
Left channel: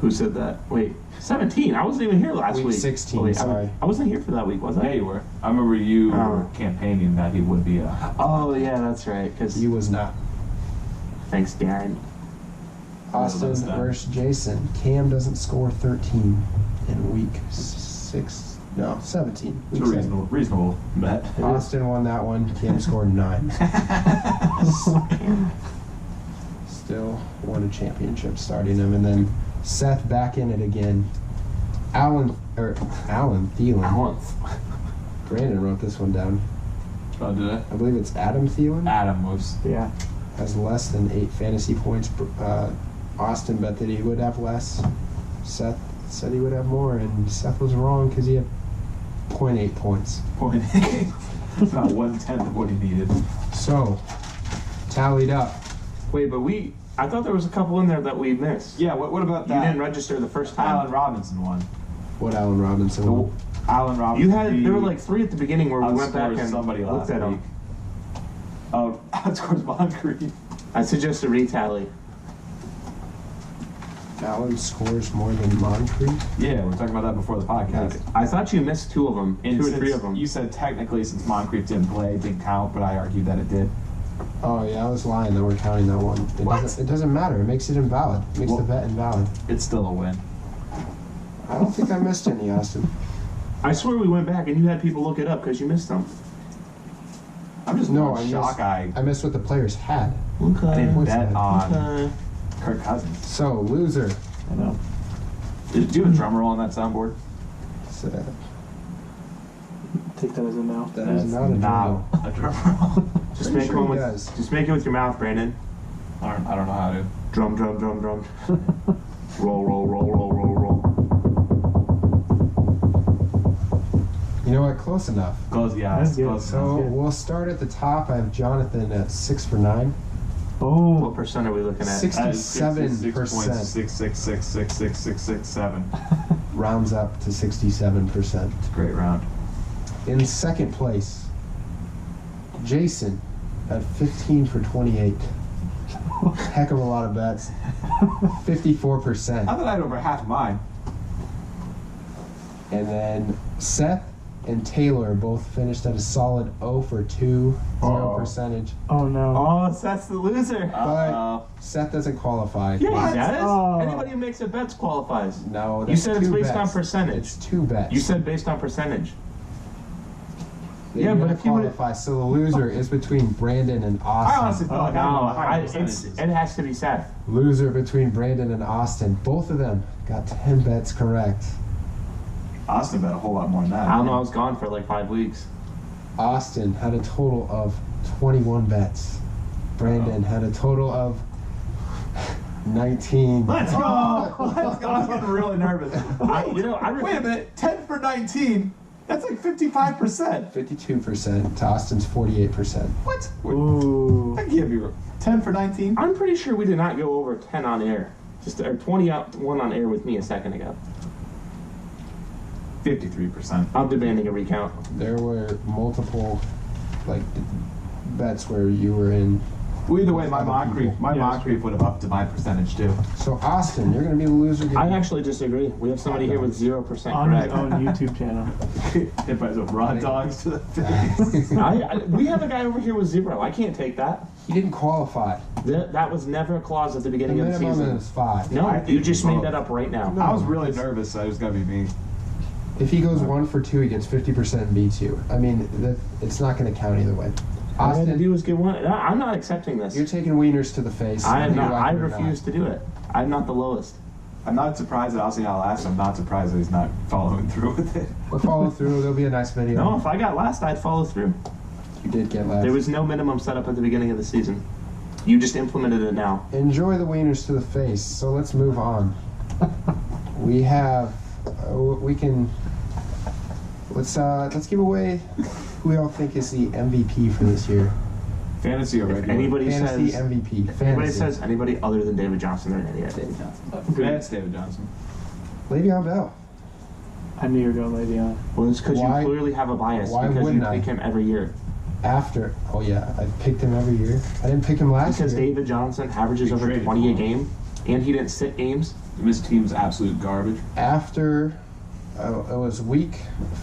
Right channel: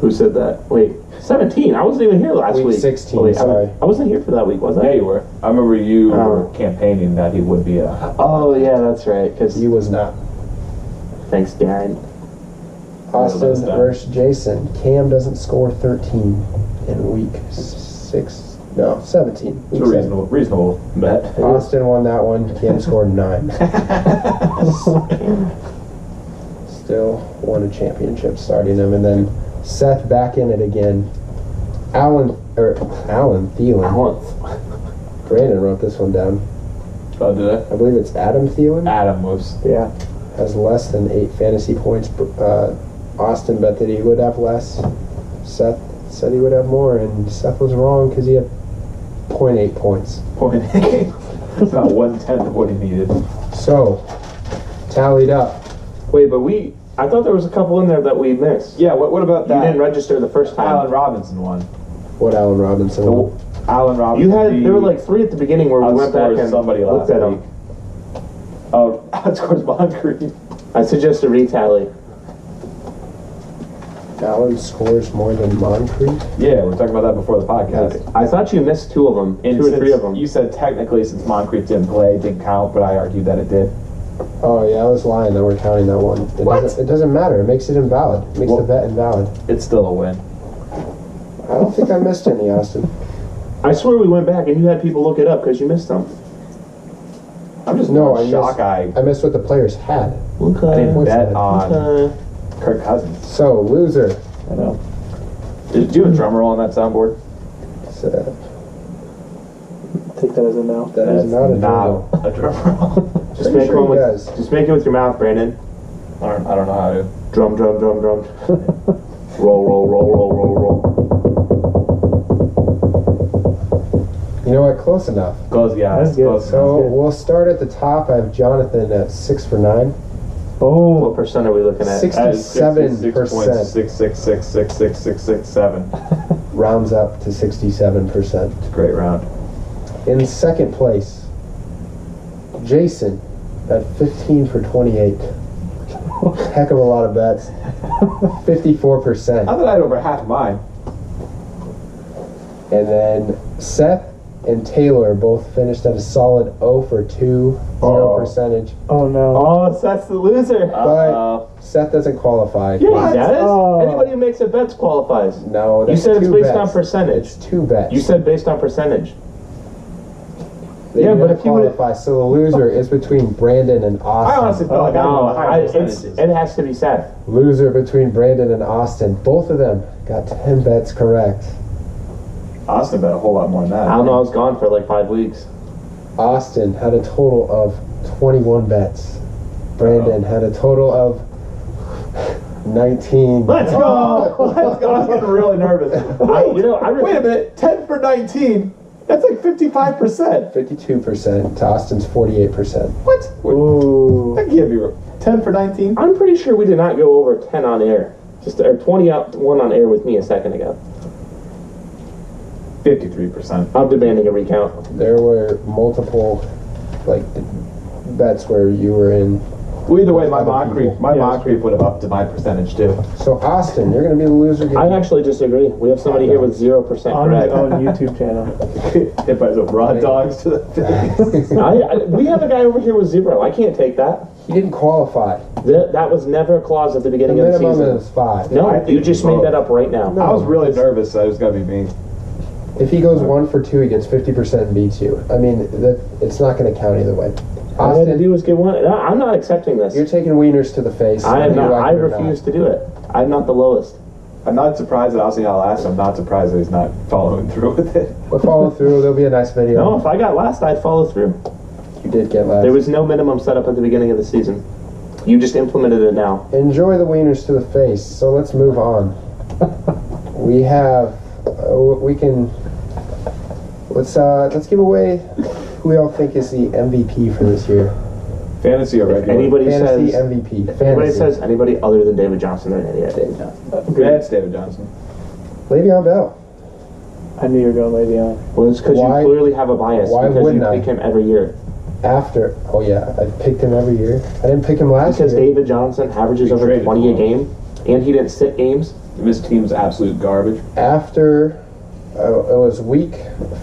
Who said that? Wait, 17? I wasn't even here last Week week. 16, Oh, wait, sorry. I wasn't here for that week, was I? Yeah, you were. I remember you Oh. were campaigning that he would be a. Oh, yeah, that's right. Because He was not. thanks, Darren. Austin that's done. versus Jason. Cam doesn't score 13 in week 17. It's Week a reasonable bet. 7. Austin won that one. Cam scored 9. Still won a championship starting him. And then Seth back in it again. Alan Thielen. Brandon wrote this one down. Oh, did I? I believe it's Adam Thielen. Adam was. Yeah. Has less than 8 fantasy points. Austin bet that he would have less. Seth said he would have more, and Seth was wrong because he had 0.8 points. It's not 1/10 of what he needed. So, tallied up. Wait, but I thought there was a couple in there that we missed. Yeah. What about You that? didn't register the first time. Allen Robinson won. What Allen Robinson won? Allen Robinson. There were like 3 at the beginning where we went back outscored and somebody looked last at week. them. Oh, outscores Moncrief. I suggest a retally. Allen scores more than Moncrief. Yeah, we were talking about that before the podcast. I thought you missed 2 of them. And 2 or 3 of them. You said technically since Moncrief didn't play, it didn't count, but I argued that it did. Oh yeah, I was lying that we're counting that one. It doesn't matter. It makes it invalid. It makes the bet invalid. It's still a win. I don't think I missed any, Austin. I swear we went back and you had people look it up because you missed them. I'm just No, more I shocked. I missed what the players had. I Okay. didn't What's bet that? on Kirk Cousins. So loser. I know. Do you have a drum roll on that soundboard? So, Take that as a no. that is not a drum. a drum roll. Just Pretty make sure one he with. does. Just make it with your mouth, Brandon. I don't know how to. Drum, drum, drum, drum. Roll, roll, roll, roll, roll, roll. You know what? Close enough. Close, yeah, That's it's good. close So enough. good. we'll start at the top. I have Jonathan at 6 for 9. Oh. What percent are we looking at? 67%. 66.66666667. Rounds up to 67%. It's a great round. In second place, Jason at 15 for 28. Heck of a lot of bets. 54%. I thought I had over half mine. And then Seth and Taylor both finished at a solid 0 for 2, 0 percentage. Oh no. Oh, that's the loser. But Seth doesn't qualify. Yeah, he does. Oh. Anybody who makes a bet qualifies. No, You that's said it's 2 based bets. on percentage. It's 2 bets. You said based on percentage. They Yeah, do but not if you would- qualify, so the loser is between Brandon and I Austin. honestly felt like I No, got higher percentages. it has to be Seth. Loser between Brandon and Austin. Both of them got 10 bets correct. Austin bet a whole lot more than that. I don't know. I was gone for like 5 weeks. Austin had a total of 21 bets. Brandon had a total of 19. Let's go! Let's go! I was getting really nervous. Wait a minute. 10 for 19. That's like 55%. 52% to Austin's 48%. What? Ooh. That can't be 10 for 19. I'm pretty sure we did not go over 10 on air. Or 21 on air with me a second ago. 53%. I'm demanding a recount. There were multiple bets where you were in. Well, either way, my Other mock people. creep, would have upped to my percentage too. So Austin, you're going to be the loser. I actually disagree. We have somebody here with 0% On his correct. own YouTube channel. Hit by some raw dogs to the face. We have a guy over here with 0. I can't take that. He didn't qualify. That was never a clause at the The beginning of the minimum season. is 5. No, I think you just we made both. that up right now. I was really nervous, so it was gonna be me. If he goes 1 for 2, he gets 50% and beats you. I mean, it's not going to count either way. All I had to Austin, do was get one. I'm not accepting this. you're taking wieners to the face. I am whether you not. like I it or refuse not. to do it. I'm not the lowest. I'm not surprised that Aussie got last. I'm not surprised that he's not following through with it. We'll follow through. There'll be a nice video. No, if I got last, I'd follow through. You did get last. There was no minimum set up at the beginning of the season. You just implemented it now. Enjoy the wieners to the face. So let's move on. We have. We can. Let's give away who we all think is the MVP for this year. Fantasy or If regular? anybody Fantasy says MVP. if anybody Fantasy. says anybody other than David Johnson, they're an idiot. Yeah, it's David Johnson. Le'Veon Bell. I knew you were going Le'Veon. Well, it's because you Why- clearly have a bias why because you wouldn't I? pick him every year. After. Oh yeah, I picked him every year. I didn't pick him last Because year. David Johnson averages You over traded 20 a him. game, and he didn't sit games. This team's absolute garbage. After it was week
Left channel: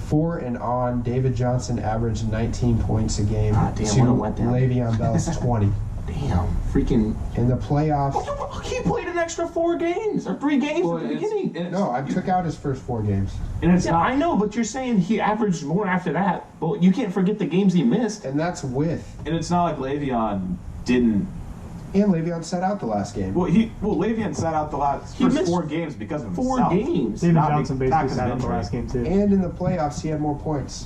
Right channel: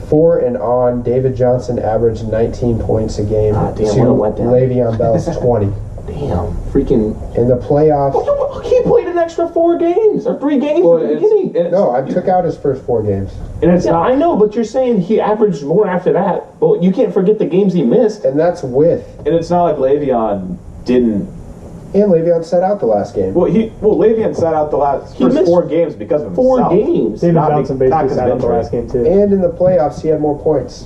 4 and on, David Johnson averaged 19 points a game Ah, damn, to what a letdown. Le'Veon Bell's 20. Damn, freaking! In the playoffs, He played an extra 4 games or 3 games at the beginning. no, I took out his first 4 games. And it's Yeah, not. I know, but you're saying he averaged more after that. Well, you can't forget the games he missed. And that's with. And it's not like Le'Veon didn't. And Le'Veon sat out the last game. Well, Le'Veon sat out the last He first missed 4 games because of 4 himself. games. David Not Johnson be- not basically 'cause of sat out the injury. last game too. And in the playoffs, he had more points.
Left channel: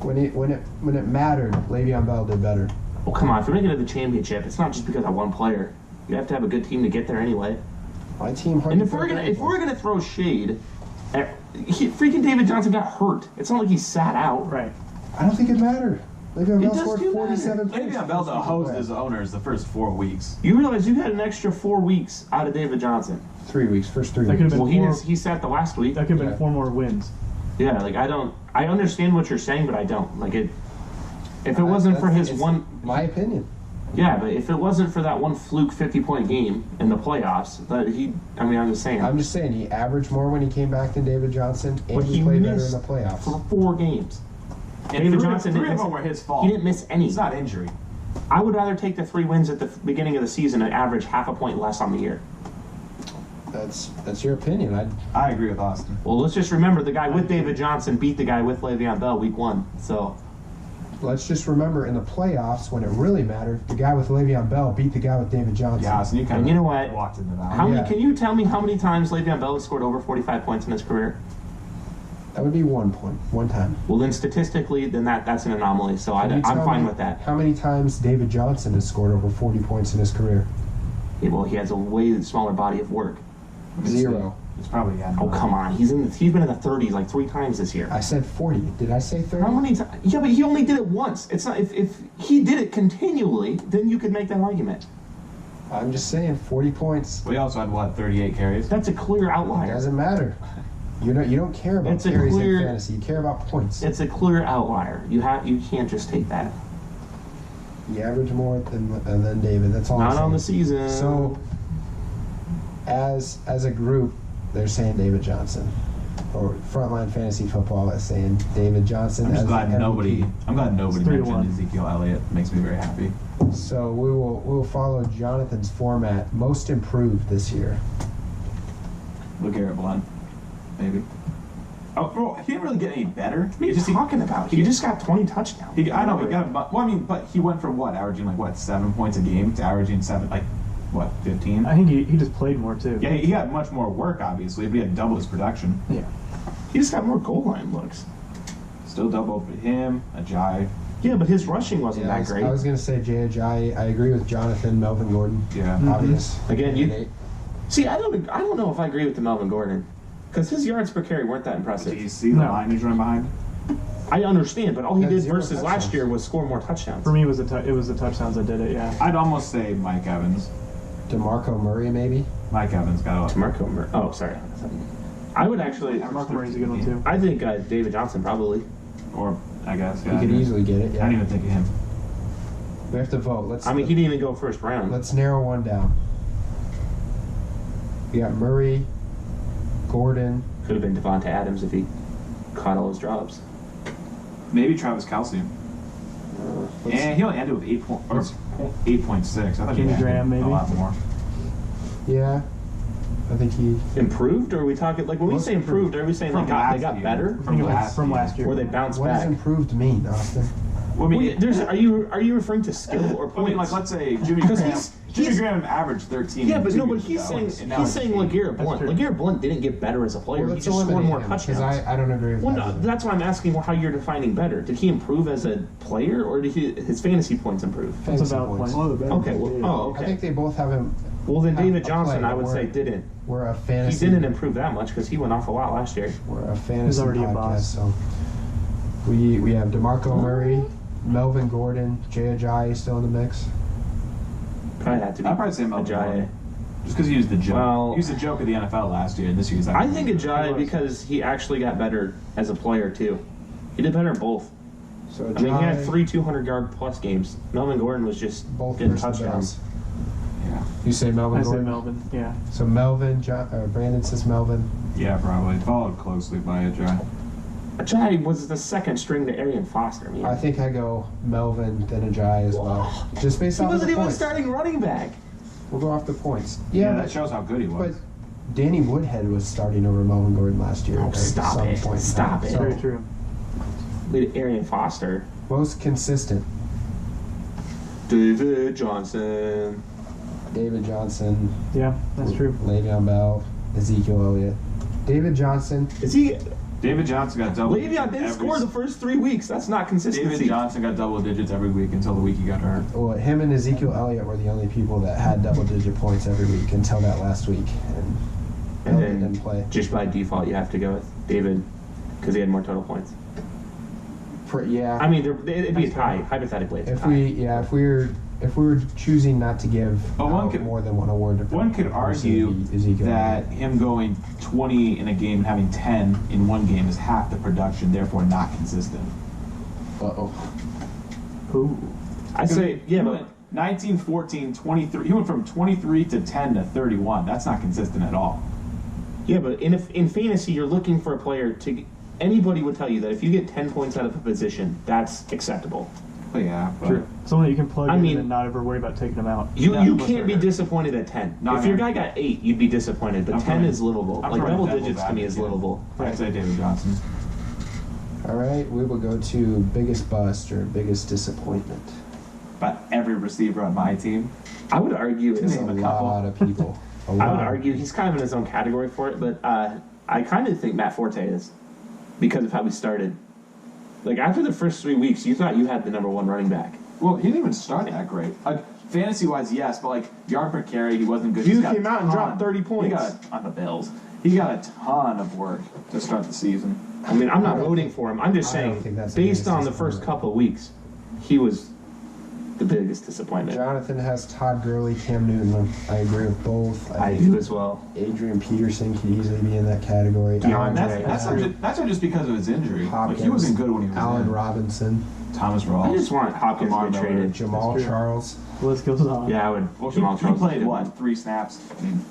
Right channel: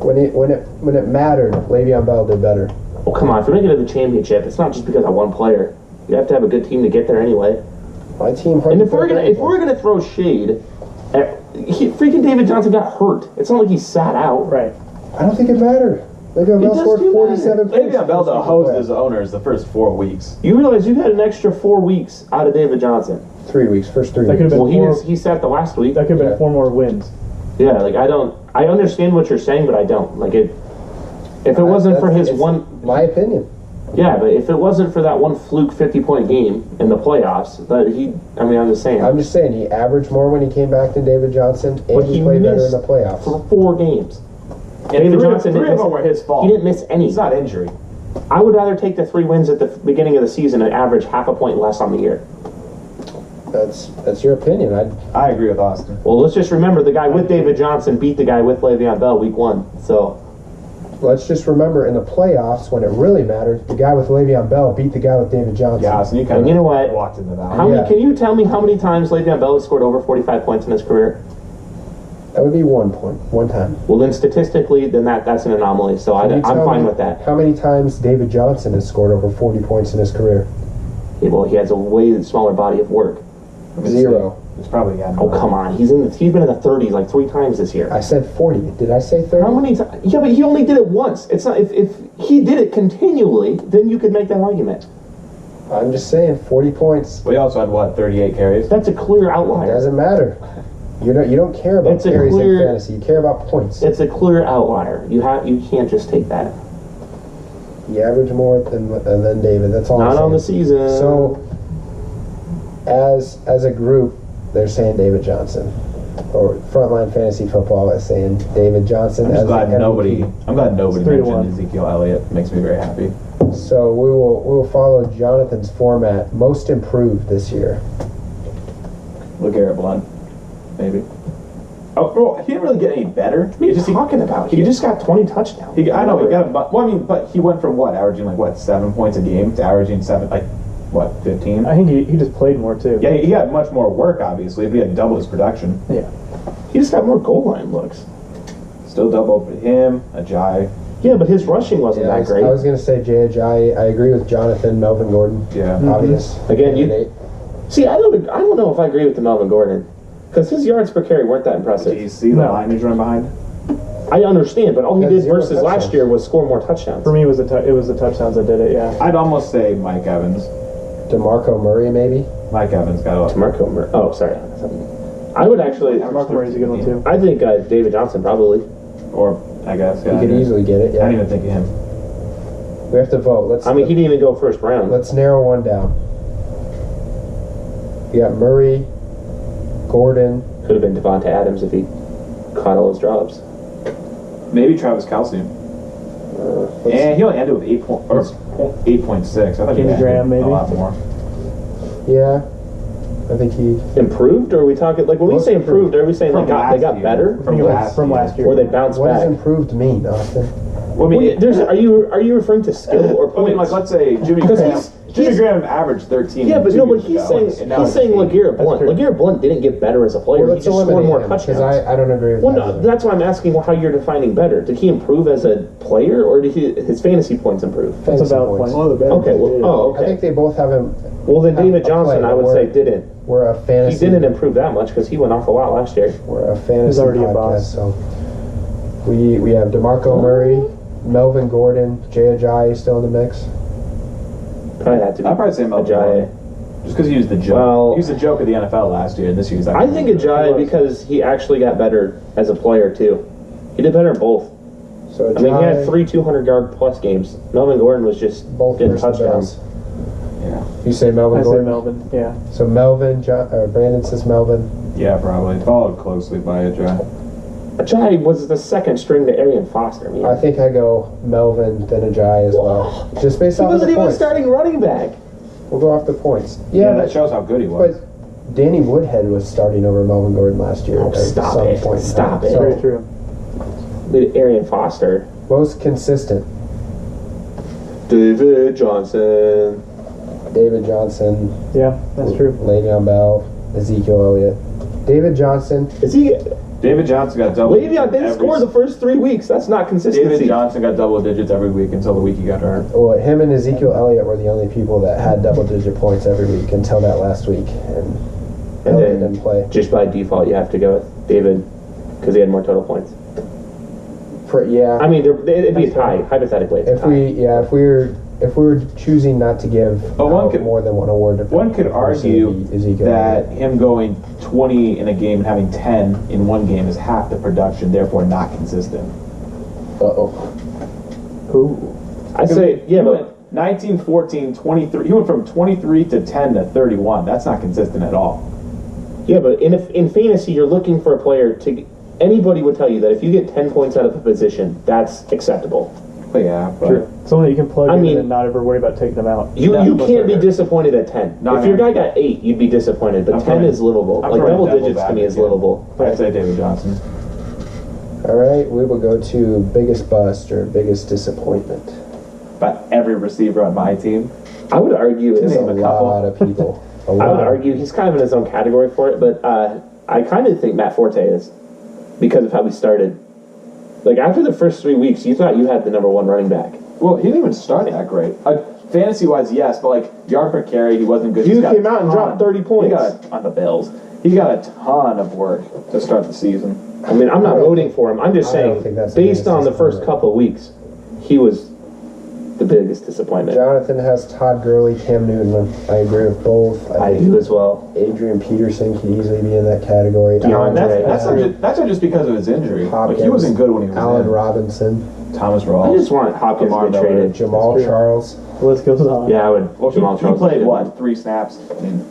When it mattered, Le'Veon Bell did better. Oh, come on. If you're making it to the championship, it's not just because of one player. You have to have a good team to get there anyway. My team. And if we're gonna throw shade, freaking David Johnson got hurt. It's not like he sat out. Right. I don't think it mattered. Le'Veon Bell does scored do 47 points. Le'Veon Bell hosed his owners the first 4 weeks. You realize you had an extra 4 weeks out of David Johnson. 3 weeks, first 3 That weeks. could've been Well, 4. he sat the last week. That could have Yeah. been 4 more wins. Yeah, like I understand what you're saying, but I don't. Like it. If it wasn't for his It's one, my opinion. yeah, but if it wasn't for that one fluke 50-point game in the playoffs, I'm just saying. I'm just saying he averaged more when he came back than David Johnson, and But he he played better in missed the playoffs. for 4 games. And David 3 Johnson of didn't them miss- were his fault. He didn't miss any. It's not injury. I would rather take the 3 wins at the beginning of the season and average half a point less on the year. That's your opinion. I agree with Austin. Well, let's just remember the guy with David Johnson beat the guy with Le'Veon Bell week 1. So Let's just remember in the playoffs when it really mattered, the guy with Le'Veon Bell beat the guy with David Johnson. Yeah, Austin, you kind And of you know what? walked into that. how Yeah. many? Can you tell me how many times Le'Veon Bell has scored over 45 points in his career? That would be 1 point, one time. Well, then statistically, then that's an anomaly. So Can you I'm tell fine me with that. How many times David Johnson has scored over 40 points in his career? Yeah, well, he has a way smaller body of work. 0. It's probably Oh, come on. He's been in the 30s like 3 times this year. I said 40. Did I say 30? How many times? Yeah, but he only did it once. It's not if he did it continually, then you could make that argument. I'm just saying 40 points. We also had what, 38 carries? That's a clear It outlier. doesn't matter. You don't care about It's a carries clear- in fantasy. You care about points. It's a clear outlier. You can't just take that. You average more than David. That's all I'm Not saying. on the season. So, as a group, they're saying David Johnson. or Frontline Fantasy Football is saying David Johnson. I'm just as glad the nobody. MVP. I'm glad nobody It's 3-1. mentioned Ezekiel Elliott. It makes me very happy. So we will follow Jonathan's format. Most improved this year. LeGarrette Blount, maybe. Oh, well, he didn't really get any better. What are you talking about? He just got 20 touchdowns. I know he got a. Well, I mean, but he went from averaging 7 points a game to averaging 15. I think he just played more too. Yeah, he got much more work, obviously, but he had double his production. Yeah. He just got more goal line looks. Still double him, Ajayi. Yeah, but his rushing wasn't Yeah, that great. I was going to say Jay. I agree with Jonathan. Melvin Gordon. Yeah. Obvious. Again, you- candidate. See, I don't know if I agree with the Melvin Gordon. Because his yards per carry weren't that Do you impressive. see the No. line he's running behind? I understand, but all he Had did 0 versus last touchdowns. year was score more touchdowns. For me, it was the touchdowns that did it. Yeah. I'd almost say Mike Evans. DeMarco Murray, maybe. Mike Evans got a Marco Oh, sorry. I would actually. Mark Murray's a good one too. I think David Johnson probably. or I guess. Yeah, You could easily get it. I Yeah. didn't even think of him. We have to vote. I mean, he didn't even go first round. Let's narrow one down. We got Murray, Gordon. Could have been Devonta Adams if he caught all his drops. Maybe Travis Kelce. And he only ended with 8.6. I thought he Jimmy had Graham, maybe? a lot more. Yeah. I think he. Improved, or are we talking like when we Most say improved? Are we saying From they last got year. better, From last year. or they bounced What does back? improved mean, Austin? Well, I mean, Are you referring to skill or I points? mean, let's say Jimmy 'Cause Graham. he's- Jimmy Graham averaged 13. yeah, but 2 no, but years he's ago, saying and now he's it's saying 8. LeGarrette Blunt. true. LeGarrette Blunt didn't get better as a player. Well, He let's just scored eliminate more him touchdowns. because I don't agree with Well, that. no, either. that's why I'm asking how you're defining better. Did he improve as a player, or did his fantasy points improve? That's a Fantasy valid points. point. Okay, well, I think okay. they both have him. Well, then have David a Johnson, play, I would but say, didn't. We're a He fantasy. didn't improve that much because he went off a lot last year. We're a fantasy already a podcast, boss. so we have DeMarco Murray, Melvin Gordon, Jay Ajayi still in the mix. Probably had to be. I'd probably say Melvin Ajayi. Gordon. Just because he was the joke. Well- he was the joke of the NFL last year, and this year he's I think Ajayi because he actually got better as a player too. He did better in both. So I mean, he had Ajayi, 3 200-yard plus games. Melvin Gordon was just both getting versus touchdowns. Bills. Yeah. You say Melvin I say Gordon. Melvin. Yeah. So Melvin, Brandon says Melvin. Yeah, probably. Followed closely by Ajayi. Ajayi was the second string to Arian Foster. I mean, I think I go Melvin then Ajayi as well, just based he off of wasn't the even points. starting running back. We'll go off the points. Yeah, Yeah, that shows how good he was. but Danny Woodhead was starting over Melvin Gordon last year. Oh, at stop some it. point in Stop time. it. So, Very true. Look at Arian Foster. most consistent, David Johnson. David Johnson, Yeah, that's true. Le'Veon Bell, Ezekiel Elliott. David Johnson, Is he? David Johnson got double. Le'Veon didn't score the first 3 weeks. That's not consistency. David Johnson got double digits every week until the week he got hurt. well, him and Ezekiel Elliott were the only people that had double-digit points every week until that last week, and And Elliott then didn't play. just by default, you have to go with David because he had more total points. Yeah, I mean, it'd be a tie, hypothetically. It's a if tie. we were choosing not to give But one out could- more than one award to One could person, argue it'd be Ezekiel that Elliott. him going 20 in a game and having 10 in one game is half the production, therefore not consistent. Uh-oh. Who? I say, yeah, He but went 19, 14, 23. He went from 23 to 10 to 31. That's not consistent at all. in fantasy, you're looking for a player to. Anybody would tell you that if you get 10 points out of a position, that's acceptable. But yeah, but True. Someone that you can plug I in mean- and not ever worry about taking them out. You No, can't be disappointed at 10. No, if no. your guy got 8, you'd be disappointed, but I'm 10 throwing- is livable. I'm Like throwing double devil's digits to me is advocate. livable. I'd say David Johnson. All right, we will go to biggest bust or biggest disappointment. But every receiver on my team. I would argue There's it's a Name a couple. lot of people. A I lot. would argue he's kind of in his own category for it, but I kind of think Matt Forte is because of how we started. Like after the first 3 weeks, you thought you had the number 1 running back. Well, he didn't even start that great. Fantasy wise, yes, but like yard per carry, he wasn't good. You He's got came a out and ton. dropped 30 points. He got on the Bills. He got a ton of work to start the season. I mean, I'm not voting for him. I'm just I don't saying, think that's the based biggest on the first disappointment. couple of weeks, he was the biggest disappointment. Jonathan has Todd Gurley, Cam Newton. I agree with both. I think do as well. Adrian Peterson could easily be in that category. DeAndre. Allen That's not just because of his injury. Hopkins, Like he wasn't good when he was Allen in. Robinson, Thomas I Rawls. just want Hopkins Lamar to be Miller, Jamal That's true. Charles. The list goes on. Yeah, I would. Well, Jamal he Charles. played what? 3 snaps. I mean,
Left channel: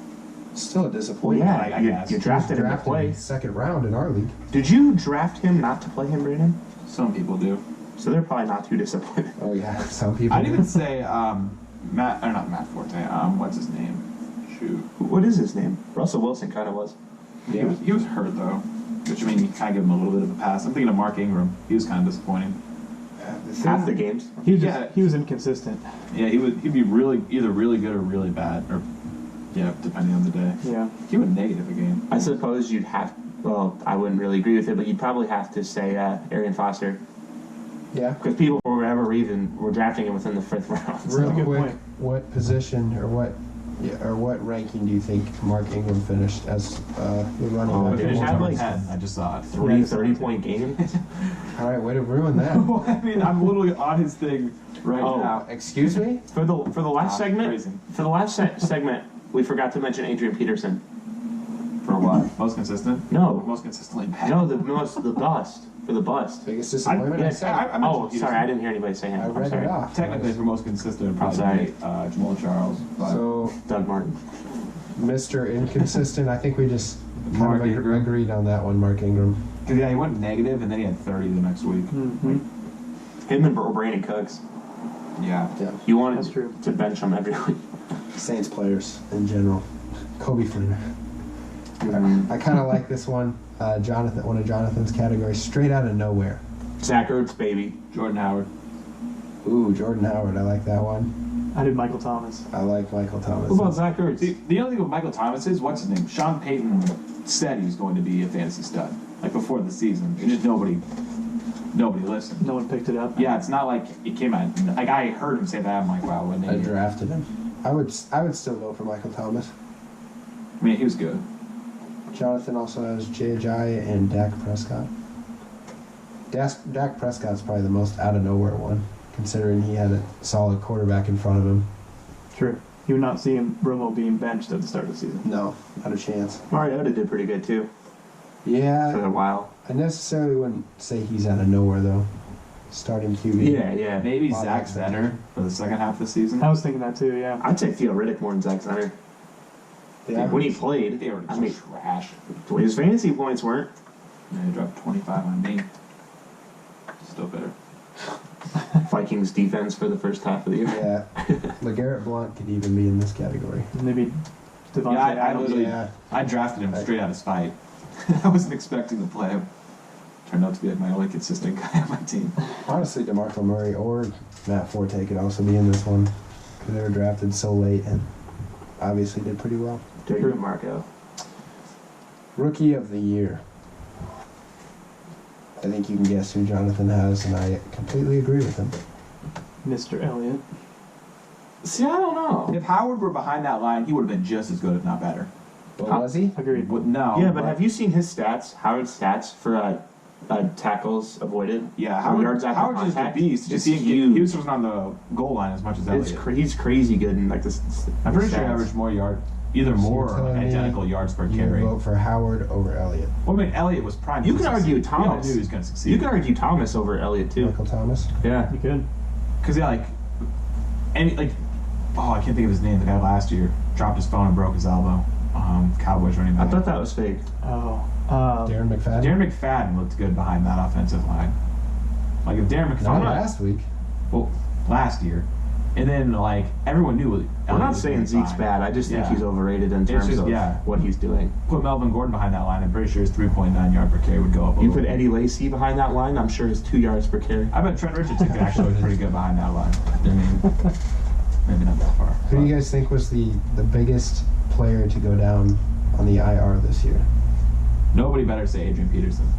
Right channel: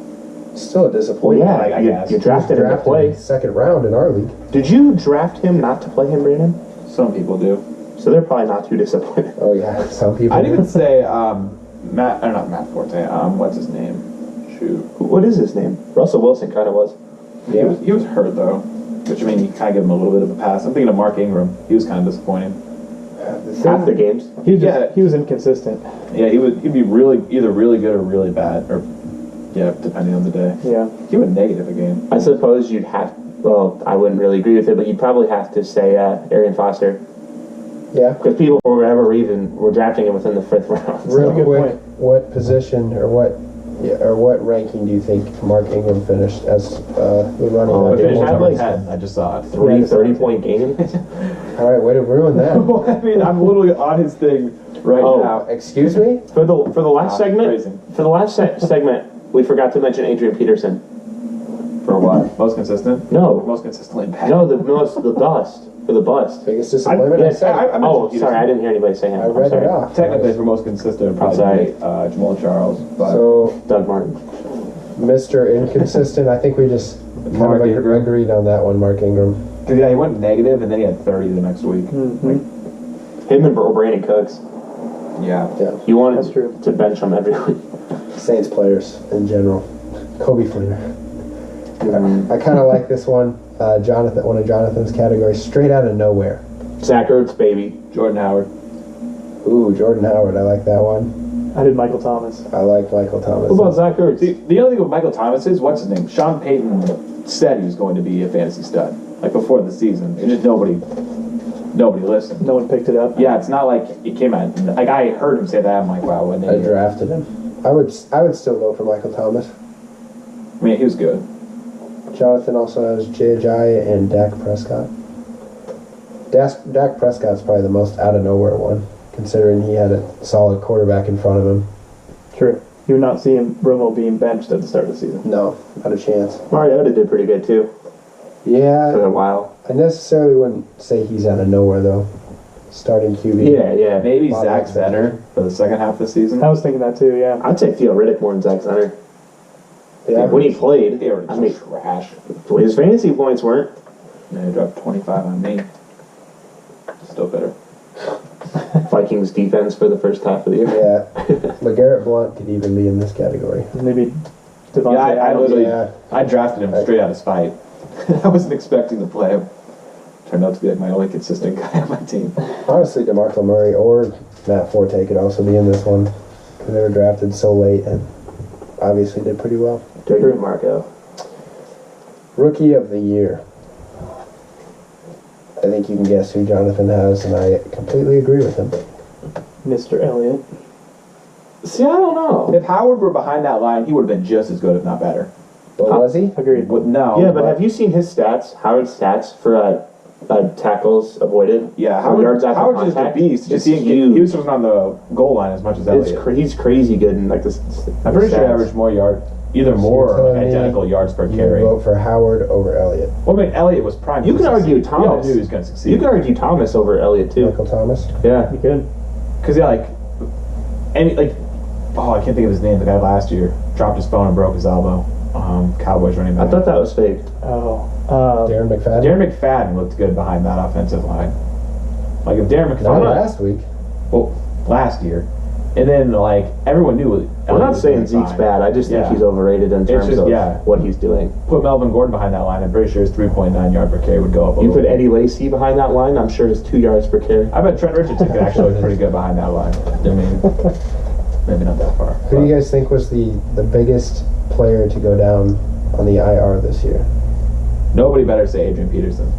Still a Well, disappointment. yeah, I you, guess. you drafted him to Drafted play. second round in our league. Did you draft him not to play him, Brandon? Some people do. So they're probably not too disappointed. Oh yeah, some people. I'd even say Matt, or not Matt Forte. What's his name? Shoot. What is his name? Russell Wilson kind of was. Yeah. He was hurt though, which I mean, you kind of give him a little bit of a pass. I'm thinking of Mark Ingram. He was kind of disappointing. Half the games. He was inconsistent. Yeah, he'd be either really good or really bad, or yeah, depending on the day. Yeah. He went negative a game. I suppose you'd have. Well, I wouldn't really agree with it, but you'd probably have to say Arian Foster, Yeah. because people, for whatever reason, were drafting him within the 5th round. Real good quick, point. what position or what ranking do you think Mark Ingram finished as the running Oh, back? he Finished had number like 10. I just saw it. 3 30-point games. All right, way to ruin that. I mean, I'm literally on his thing right Oh. now. Excuse me? For the last segment, crazy. for the last segment, we forgot to mention Adrian Peterson. For what? Most consistent? No. Most consistently bad. No, the bust for the bust. Biggest disappointment? I Yes, said it. mentioned oh, Peterson. sorry, I didn't hear anybody say him. I I'm read sorry. it off. Technically, for most consistent, I'm sorry. probably Jamal Charles. But So, Doug Martin. Mr. Inconsistent, I think we just kind Mark of Ingram. agreed on that one, Mark Ingram. Cause yeah, he went negative, and then he had 30 the next week. Him and Brandon Cooks. Yeah. Yeah. You wanted That's true. to bench him every week. Saints players in general. Kobe Fleener. I kind of like this one. Jonathan, one of Jonathan's categories, straight out of nowhere. Zach Ertz, baby. Jordan Howard. Ooh, Jordan Howard. I like that one. I did Michael Thomas. I like Michael Thomas. What about Zach Ertz? The only thing with Michael Thomas is, what's his name? Sean Payton said he was going to be a fantasy stud, like before the season. And just nobody listened. No one picked it up. Yeah, it's not like it came out. Like I heard him say that. I'm like, wow, what an I idiot. drafted him. I would still vote for Michael Thomas. I mean, he was good. Jonathan also has J.J. and Dak Prescott. Dak Prescott's probably the most out of nowhere one, considering he had a solid quarterback in front of him. True. You would not see Romo being benched at the start of the season. No, not a chance. Mariota did pretty good too for Yeah, a while. I necessarily wouldn't say he's out of nowhere though. Starting QB. Yeah. Maybe Wow, Zach that's Zenner for the second half of the season. I was thinking that too, yeah. I'd say Theo Riddick more than Zach Center. Yeah, When he played, They were I mean, trash. his fantasy points weren't. Yeah, he dropped 25 on me. Still better. Vikings defense for the first half of the year. Yeah, LeGarrette Blount could even be in this category. Maybe Devontae Yeah, I Adams. literally, Yeah. I drafted him straight out of spite. I wasn't expecting to play him. Turned out to be like my only consistent guy on my team. Honestly, DeMarco Murray or Matt Forte could also be in this one because they were drafted so late and obviously did pretty well. Dirty Marco. Rookie of the Year. I think you can guess who Jonathan has, and I completely agree with him. Mr. Elliott. See, I don't know. If Howard were behind that line, he would have been just as good, if not better. But was he? Agreed. But no. Yeah, but have you seen his stats? Howard's stats for tackles avoided? Yeah, Or yards Howard, after Howard's just a contact? beast. It's Just he huge. was on the goal line as much as Elliott. He's crazy good in like this. I'm pretty sure he averaged either So more you're or telling me identical yards per You carry. vote for Howard over Elliott. Well, I mean, Elliott was prime. You to can argue succeed. We all Thomas. knew he was going to succeed. You can argue Thomas over Elliott too. Michael Thomas. Yeah. You could. Because yeah, I can't think of his name. The guy last year dropped his phone and broke his elbow. Cowboys running I back. thought that was fake. Oh. Darren McFadden. Darren McFadden looked good behind that offensive line. Like if Darren Not McFadden, last week. well, last year, and then like everyone knew. I'm Elliott not was saying doing Zeke's fine. bad. I just think Yeah. he's overrated in It's terms just- of yeah. what he's doing. Put Melvin Gordon behind that line. I'm pretty sure his 3.9 yard per carry would go up. A You little put bit. Eddie Lacy behind that line, I'm sure his 2 yards per carry. I bet Trent Richardson could actually look pretty good behind that line. I mean, maybe not that far. Who do you guys think was the biggest player to go down on the IR this year? Nobody better say Adrian Peterson,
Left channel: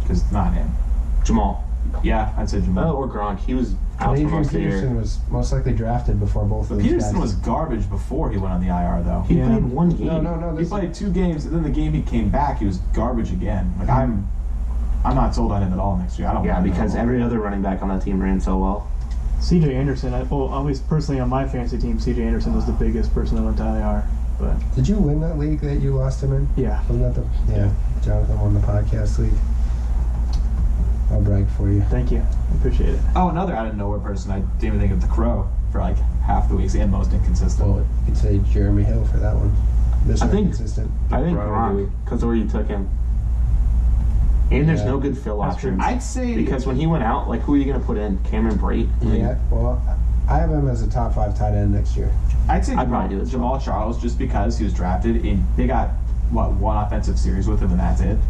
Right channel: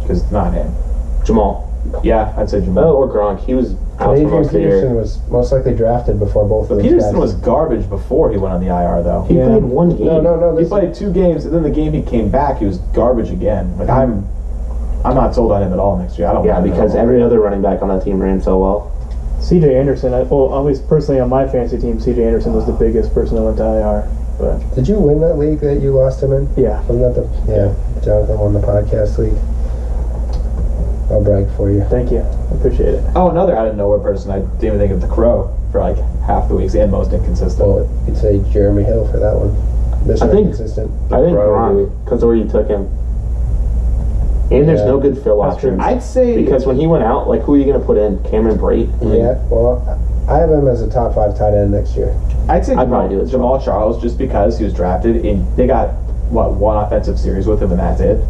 because it's not him. Jamal. Yeah, I'd say Jamal. Oh, or Gronk. He was out for Adrian most of the Peterson year. was most likely drafted before both But of those Peterson guys. was garbage before he went on the IR, though. He Yeah. played one game. No. He This played 2 games, and then the game he came back, he was garbage again. Like I'm not sold on him at all next year. I don't. Yeah, want him at because all. every other running back on that team ran so well. CJ Anderson, at least personally on my fantasy team, CJ Anderson was the biggest person that went to IR. But Did you win that league that you lost him in? yeah. Wasn't that the Jonathan won the podcast league. I'll brag for you. Thank you. I appreciate it. Oh, another out of nowhere person. I didn't even think of the Crow for like half the weeks and most inconsistent. Well, you could say Jeremy Hill for that one. Mr. I think- Consistent. I think Bro, Gronk, dude. because where you took him. And there's Yeah. no good fill That's options. true. I'd say Because when he went out, like, who are you going to put in? Cameron Brate? I mean, Yeah, well, I have him as a top 5 tight end next year. I'd say I'd probably do it as Jamal Charles, just because he was drafted in. They got one offensive series with him, and that's it.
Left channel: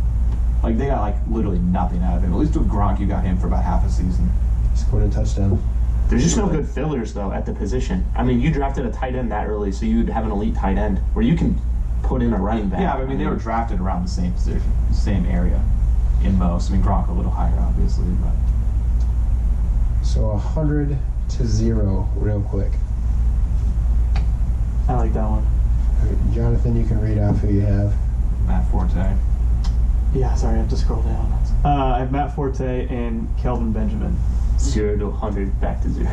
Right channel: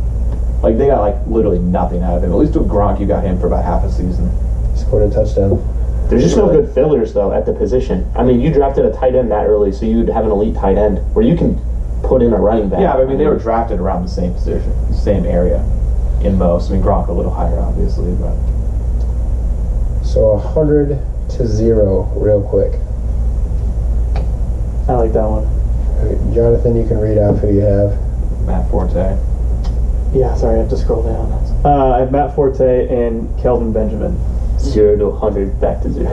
Like they got like literally nothing out of him. At least with Gronk, you got him for about half a season. Scored a touchdown. There's just no good fillers, though, at the position. I mean, you drafted a tight end that early, so you'd have an elite tight end where you can put in a running back. Yeah, but I mean they were drafted around the same position, same area, in most. I mean Gronk a little higher, obviously, but So 100 to 0, real quick. I like that one. Jonathan, you can read off who you have. Matt Forte. Yeah, sorry, I have to scroll down. I have Matt Forte and Kelvin Benjamin. 0 to 100, back to 0.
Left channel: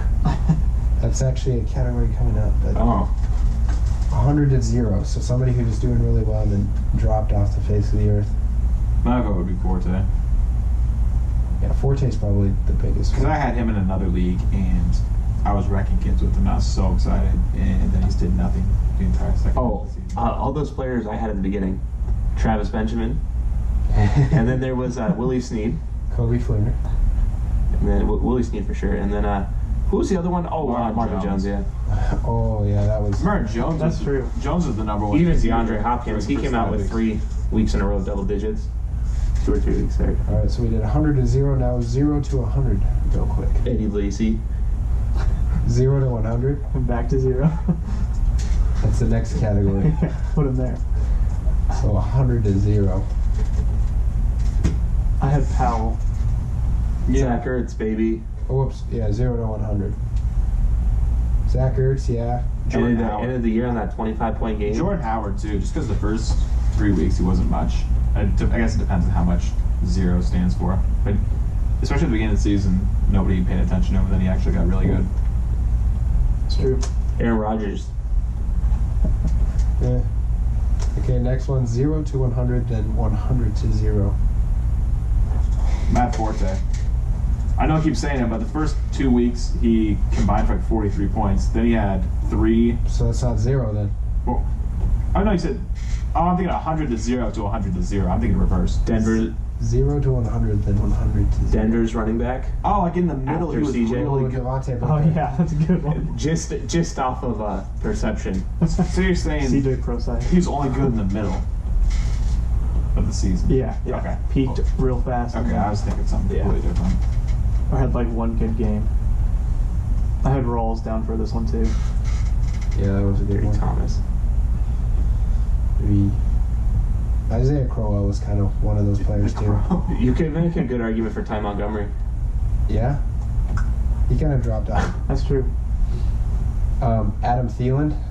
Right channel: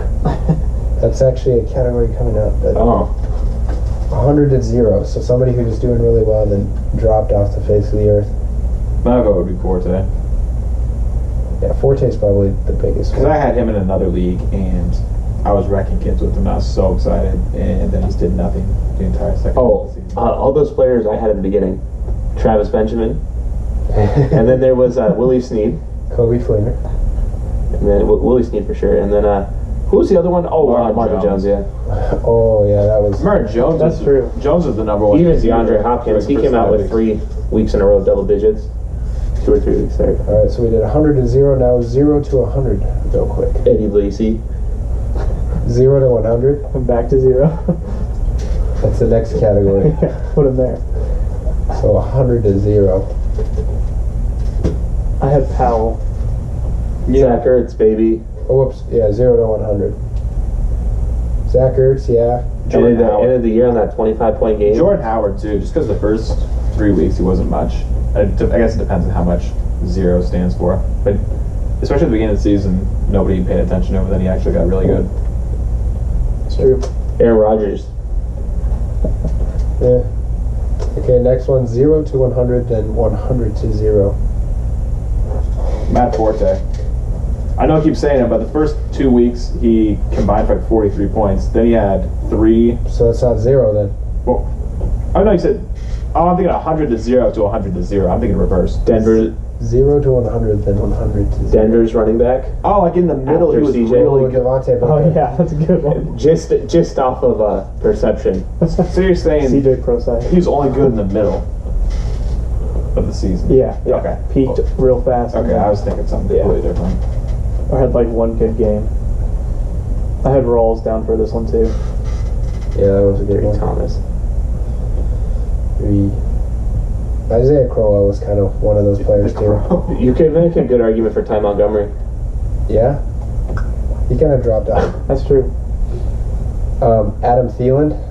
That's actually a category coming up. But Oh. 100 to 0. So somebody who was doing really well then dropped off the face of the earth. My vote would be Forte. Yeah, Forte's probably the biggest Because one. I had him in another league, and I was wrecking kids with him. I was so excited, and then he just did nothing the entire second half Oh, of the season. all those players I had at the beginning. Travis Benjamin. And then there was Willie Snead. Kobe Fleener. And then Willie Snead for sure. And then who was the other one? Oh, Marvin Jones, yeah. Oh, yeah, that was... Remember Jones? That's true. Jones was the number one. Even receiver DeAndre Hopkins, for he the came first out 5 with weeks. 3 weeks in a row, double digits. 2 or 3 weeks there. All right, so we did 100 to 0. Now 0 to 100, real quick. Eddie Lacy. 0 to 100. I'm back to 0. That's the next category. Put him there. So 100 to 0. I had Powell. Zach Ertz, baby. Oh, whoops. Yeah, 0 to 100. Zach Ertz, yeah. End of the year on that 25-point game. Jordan Howard too, just because the first 3 weeks he wasn't much. I guess it depends on how much 0 stands for. But especially at the beginning of the season, nobody paid attention to him. Then he actually got really good. It's true. Aaron Rodgers. Yeah. Okay, next one 0 to 100, then 100 to 0. Matt Forte. I know I keep saying it, but the first 2 weeks he combined for like 43 points. Then he had 3. So that's not 0 then. Well, oh no, you said. Oh, I'm thinking 100 to 0 to 100 to 0. I'm thinking reverse. Denver. 0 to 100, then 100 to 0. Denver's running back. Oh, like in the middle, After he was CJ. really Oh, good. Devontae Oh, Booker. yeah, that's a good one. Just off of perception. So you're saying CJ Pro side. he was only good in the middle of the season? Yeah. Okay. Peaked real fast. Okay, I was thinking something Yeah. completely different. I had like one good game. I had Rawls down for this one too. Yeah, that was a good Gary one. Thomas. 3. Isaiah Crowell was kind of one of those players too. You could make a good argument for Ty Montgomery. Yeah. He kind of dropped off. That's true. Adam Thielen.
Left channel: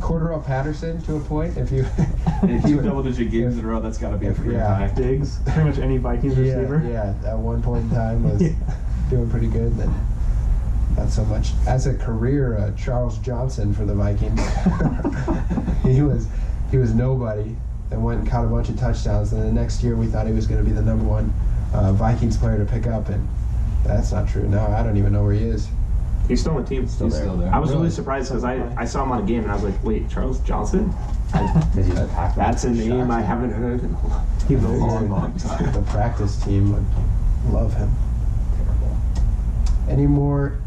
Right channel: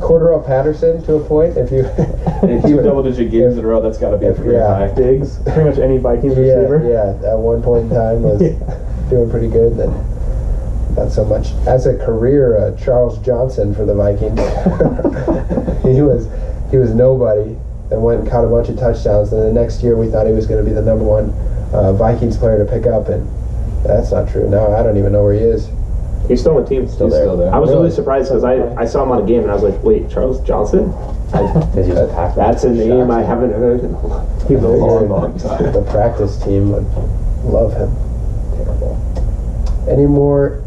Cordero Patterson to a point. If you, In 2 double-digit games in a row, that's got to be a pretty Yeah. high. Diggs. Pretty much any Vikings receiver. yeah, at one point in time was doing pretty good. Then not so much. As a career, Charles Johnson for the Vikings. he was nobody. Then went and caught a bunch of touchdowns. And the next year we thought he was going to be the number 1 Vikings player to pick up, and that's not true. Now I don't even know where he is. He's still on the team. He's still there. I was really Really? surprised because I saw him on a game and I was like, wait, Charles Johnson? That's a name I haven't heard in He was long time. The practice team would love him. Terrible. Any more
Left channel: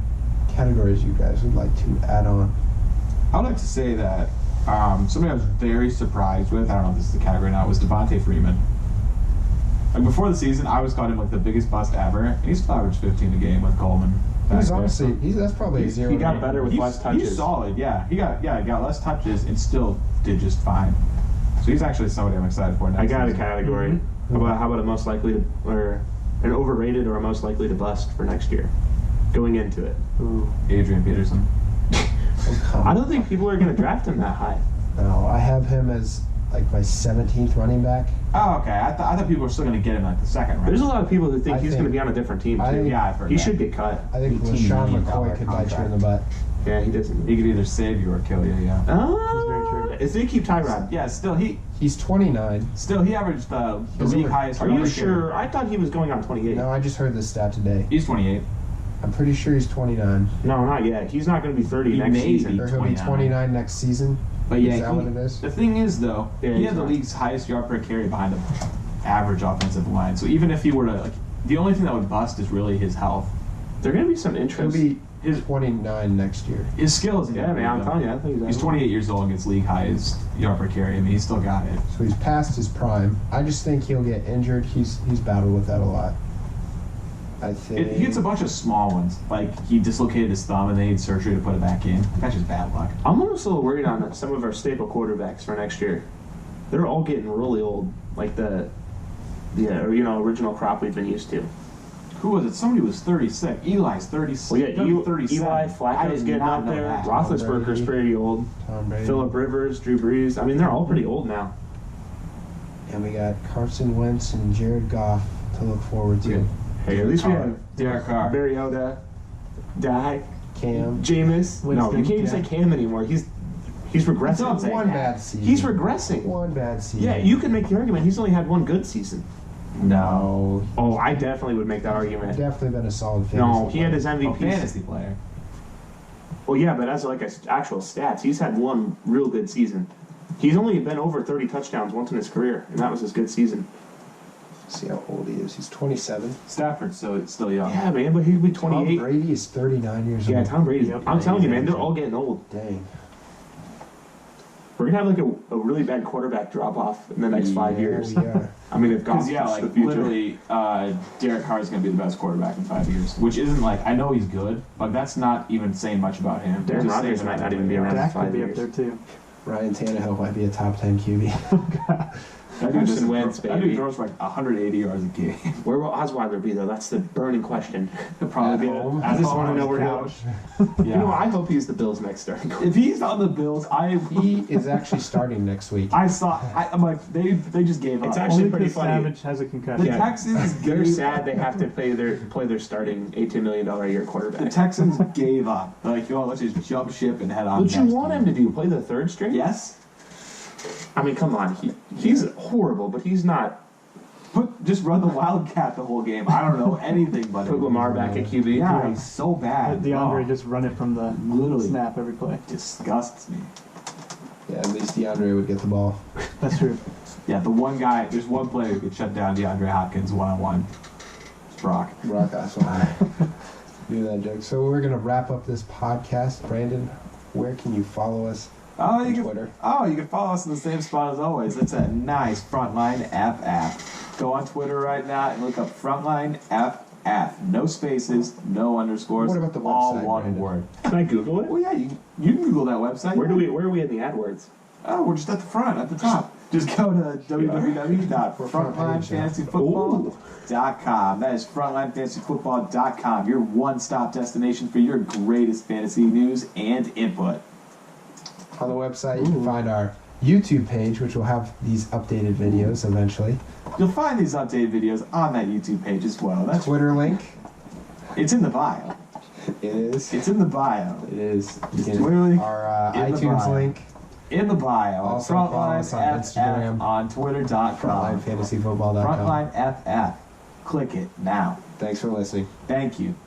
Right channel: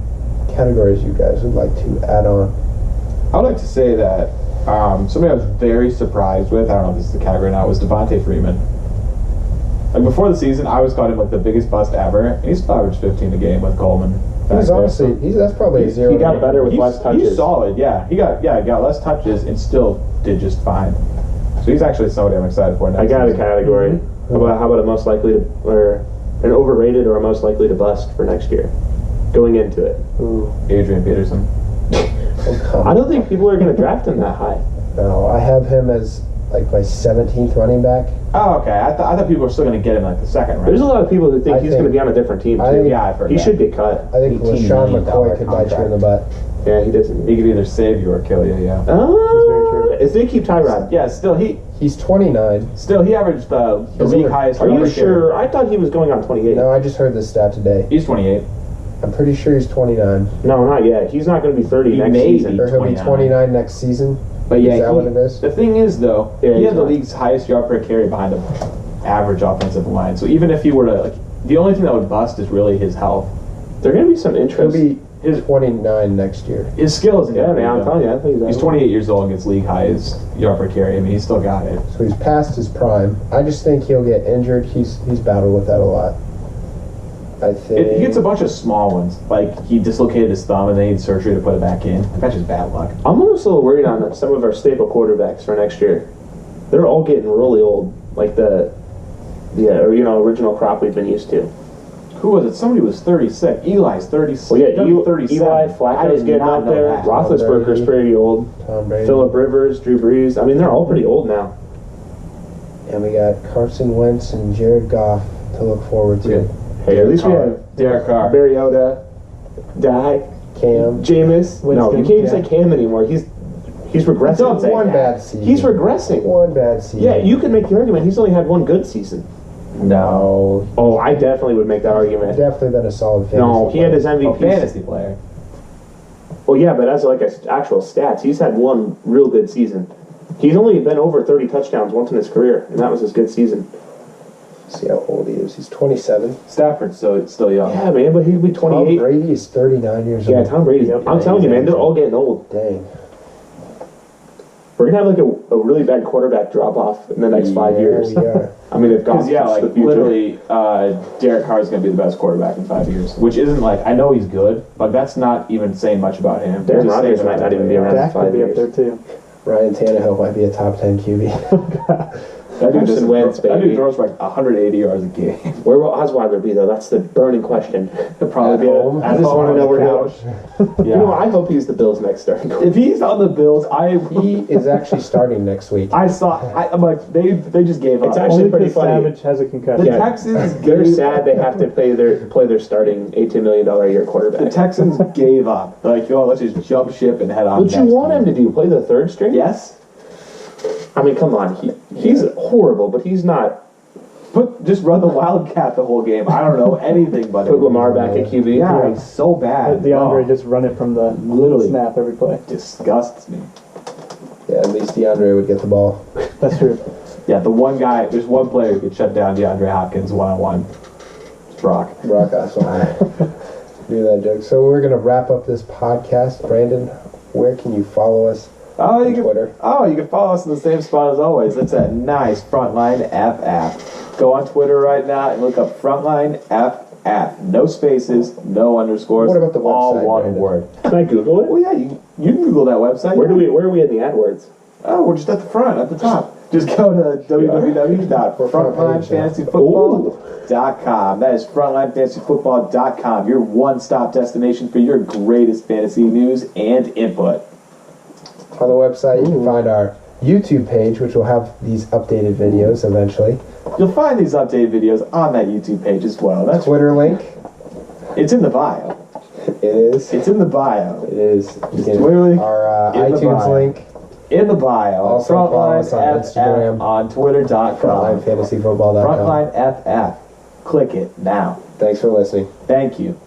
categories you guys would like to add on? I would like to say that somebody I was very surprised with, I don't know if this is the category now, was Devontae Freeman. Like before the season, I always called him like the biggest bust ever, and he's still averaged 15 a game with Coleman. He's back there. honestly, that's probably a 0. He got better with less touches. He's solid, yeah. He got less touches and still did just fine. So he's actually somebody I'm excited for next I got a season. category. How about a most likely to, or an overrated or a most likely to bust for next year? Going into it. Ooh. Adrian Peterson. I don't think people are going to draft him that high. No, I have him as like my 17th running back. Oh, okay. I thought people were still going to get him like the second round. There's a lot of people who think I he's think- going to be on a different team, I too. think- Yeah, I've heard He that. should get cut. I think $18 LaShawn million McCoy could bite you in the butt. Yeah, he doesn't. He could either save you or kill you, yeah. Oh, very true. Is they keep Tyrod? Yeah, still he He's 29. averaged the He's league over- highest. Are you rushing. sure? I thought he was going on 28. No, I just heard this stat today. He's 28. I'm pretty sure he's 29. No, not yet. He's not going to be 30 He next may season. Or he'll be 29. 29 next season. But yeah, Is that what it is? the thing is though, Yeah, he he's had the fine. league's highest yard per carry behind an average offensive line. So even if he were to, like, the only thing that would bust is really his health. There are going to be some He'll interest. be 29 next year. His skill isn't. Yeah, gonna man, I'm be, telling you. I think He's 28 years old and gets league highest yard per carry. I mean, he's still got it. So he's past his prime. I just think he'll get injured. He's battled with that a lot. I think He gets a bunch of small ones. Like, he dislocated his thumb and they need surgery to put it back in. That's just bad luck. I'm almost a little worried on some of our staple quarterbacks for next year. They're all getting really old, like the original crop we've been used to. Who was it? Somebody was 36. Eli's 36. Well, yeah, Eli 37. Flacco's getting up there. That. Roethlisberger's Brady. pretty old. Tom Brady. Phillip Rivers, Drew Brees. I mean, they're all pretty old now. And we got Carson Wentz and Jared Goff to look forward to. Hey, at least we Carr. have Derek Carr. Mariota, Die, Cam. Jameis. No, you Winston, can't even yeah. say Cam anymore. He's regressing. Don't say One that. bad season. He's regressing. One bad season. Yeah, you can make the argument he's only had one good season. No. Oh, I definitely would make that argument. Definitely been a solid fantasy. No, he had his player. MVP. A fantasy player. Well, yeah, but as like actual stats, he's had one real good season. He's only been over 30 touchdowns once in his career, and that was his good season. See how old he is. He's 27. Stafford's still young. Yeah, man, but he'd be Tom 28. Brady is 39 years Yeah, old. Tom Brady. Yep. I'm telling you, man, they're all getting old. Dang. We're gonna have like a really bad quarterback drop off in the next 5 Yeah, years. we are. I mean, if Goff's Because, yeah, the like, future. literally, Derek Carr is going to be the best quarterback in 5 years. Which isn't like, I know he's good, but that's not even saying much about him. Darren Just saying Rodgers about might not the even be player. around. Dak 5 could be years. up there too. Ryan Tannehill might be a top 10 QB. That dude Carson doesn't Wentz, throw- That baby. dude throws for like 180 yards a game. Where will Osweiler be, though? That's the burning question. He'll probably At be home. I just want to know where he'll. Yeah. You know, I hope he's the Bills' next starting quarterback. If he's on the Bills, He is actually starting next week. I'm like, they just gave up. It's actually Only pretty because funny. Savage has a concussion. The Yeah. Texans They're gave sad they have to play their starting $18 million a year quarterback. The Texans gave up. They're like, yo, let's just jump ship and head on. What you want him to do? Play the third string? Yes. I mean, come on. He's horrible, but he's not. Just run the Wildcat the whole game. I don't know anything but Put Lamar back at QB. Yeah, he's so bad. DeAndre Oh, just run it from the Literally. snap every play. disgusts me. Yeah, at least DeAndre would get the ball. That's true. Yeah, the one guy, there's one player who could shut down DeAndre Hopkins one-on-one. It's Brock. Brock Osweiler. Do that joke. So we're gonna wrap up this podcast. Brandon, where can you follow us? Oh, On you can Twitter. You can follow us in the same spot as always. That's at nice Frontline FF. Go on Twitter right now and look up Frontline FF. No spaces, no underscores. What about the all website, one Brandon? word. Can I Google it? Well, yeah, you can Google that website. Where are we in the AdWords? Oh, we're just at the front, at the top. Just go to www.frontlinefantasyfootball.com. That is frontlinefantasyfootball.com, your one-stop destination for your greatest fantasy news and input. On the website, you can find our YouTube page, which will have these updated videos eventually. You'll find these updated videos on that YouTube page as well. That's Twitter link. It's in the bio. It is. It's in the bio. It is. You can- Twitter link Our in the iTunes bio. link. In the bio. Also follow us on Frontline Instagram. FF on Twitter.com. FrontlineFantasyFootball.com. Frontline FF. Click it now. Thanks for listening. Thank you.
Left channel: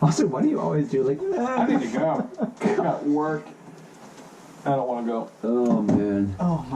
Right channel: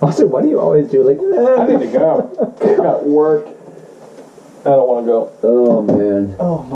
Also, why do you always do like? I need to go. I got work. I don't want to go. Oh man. Oh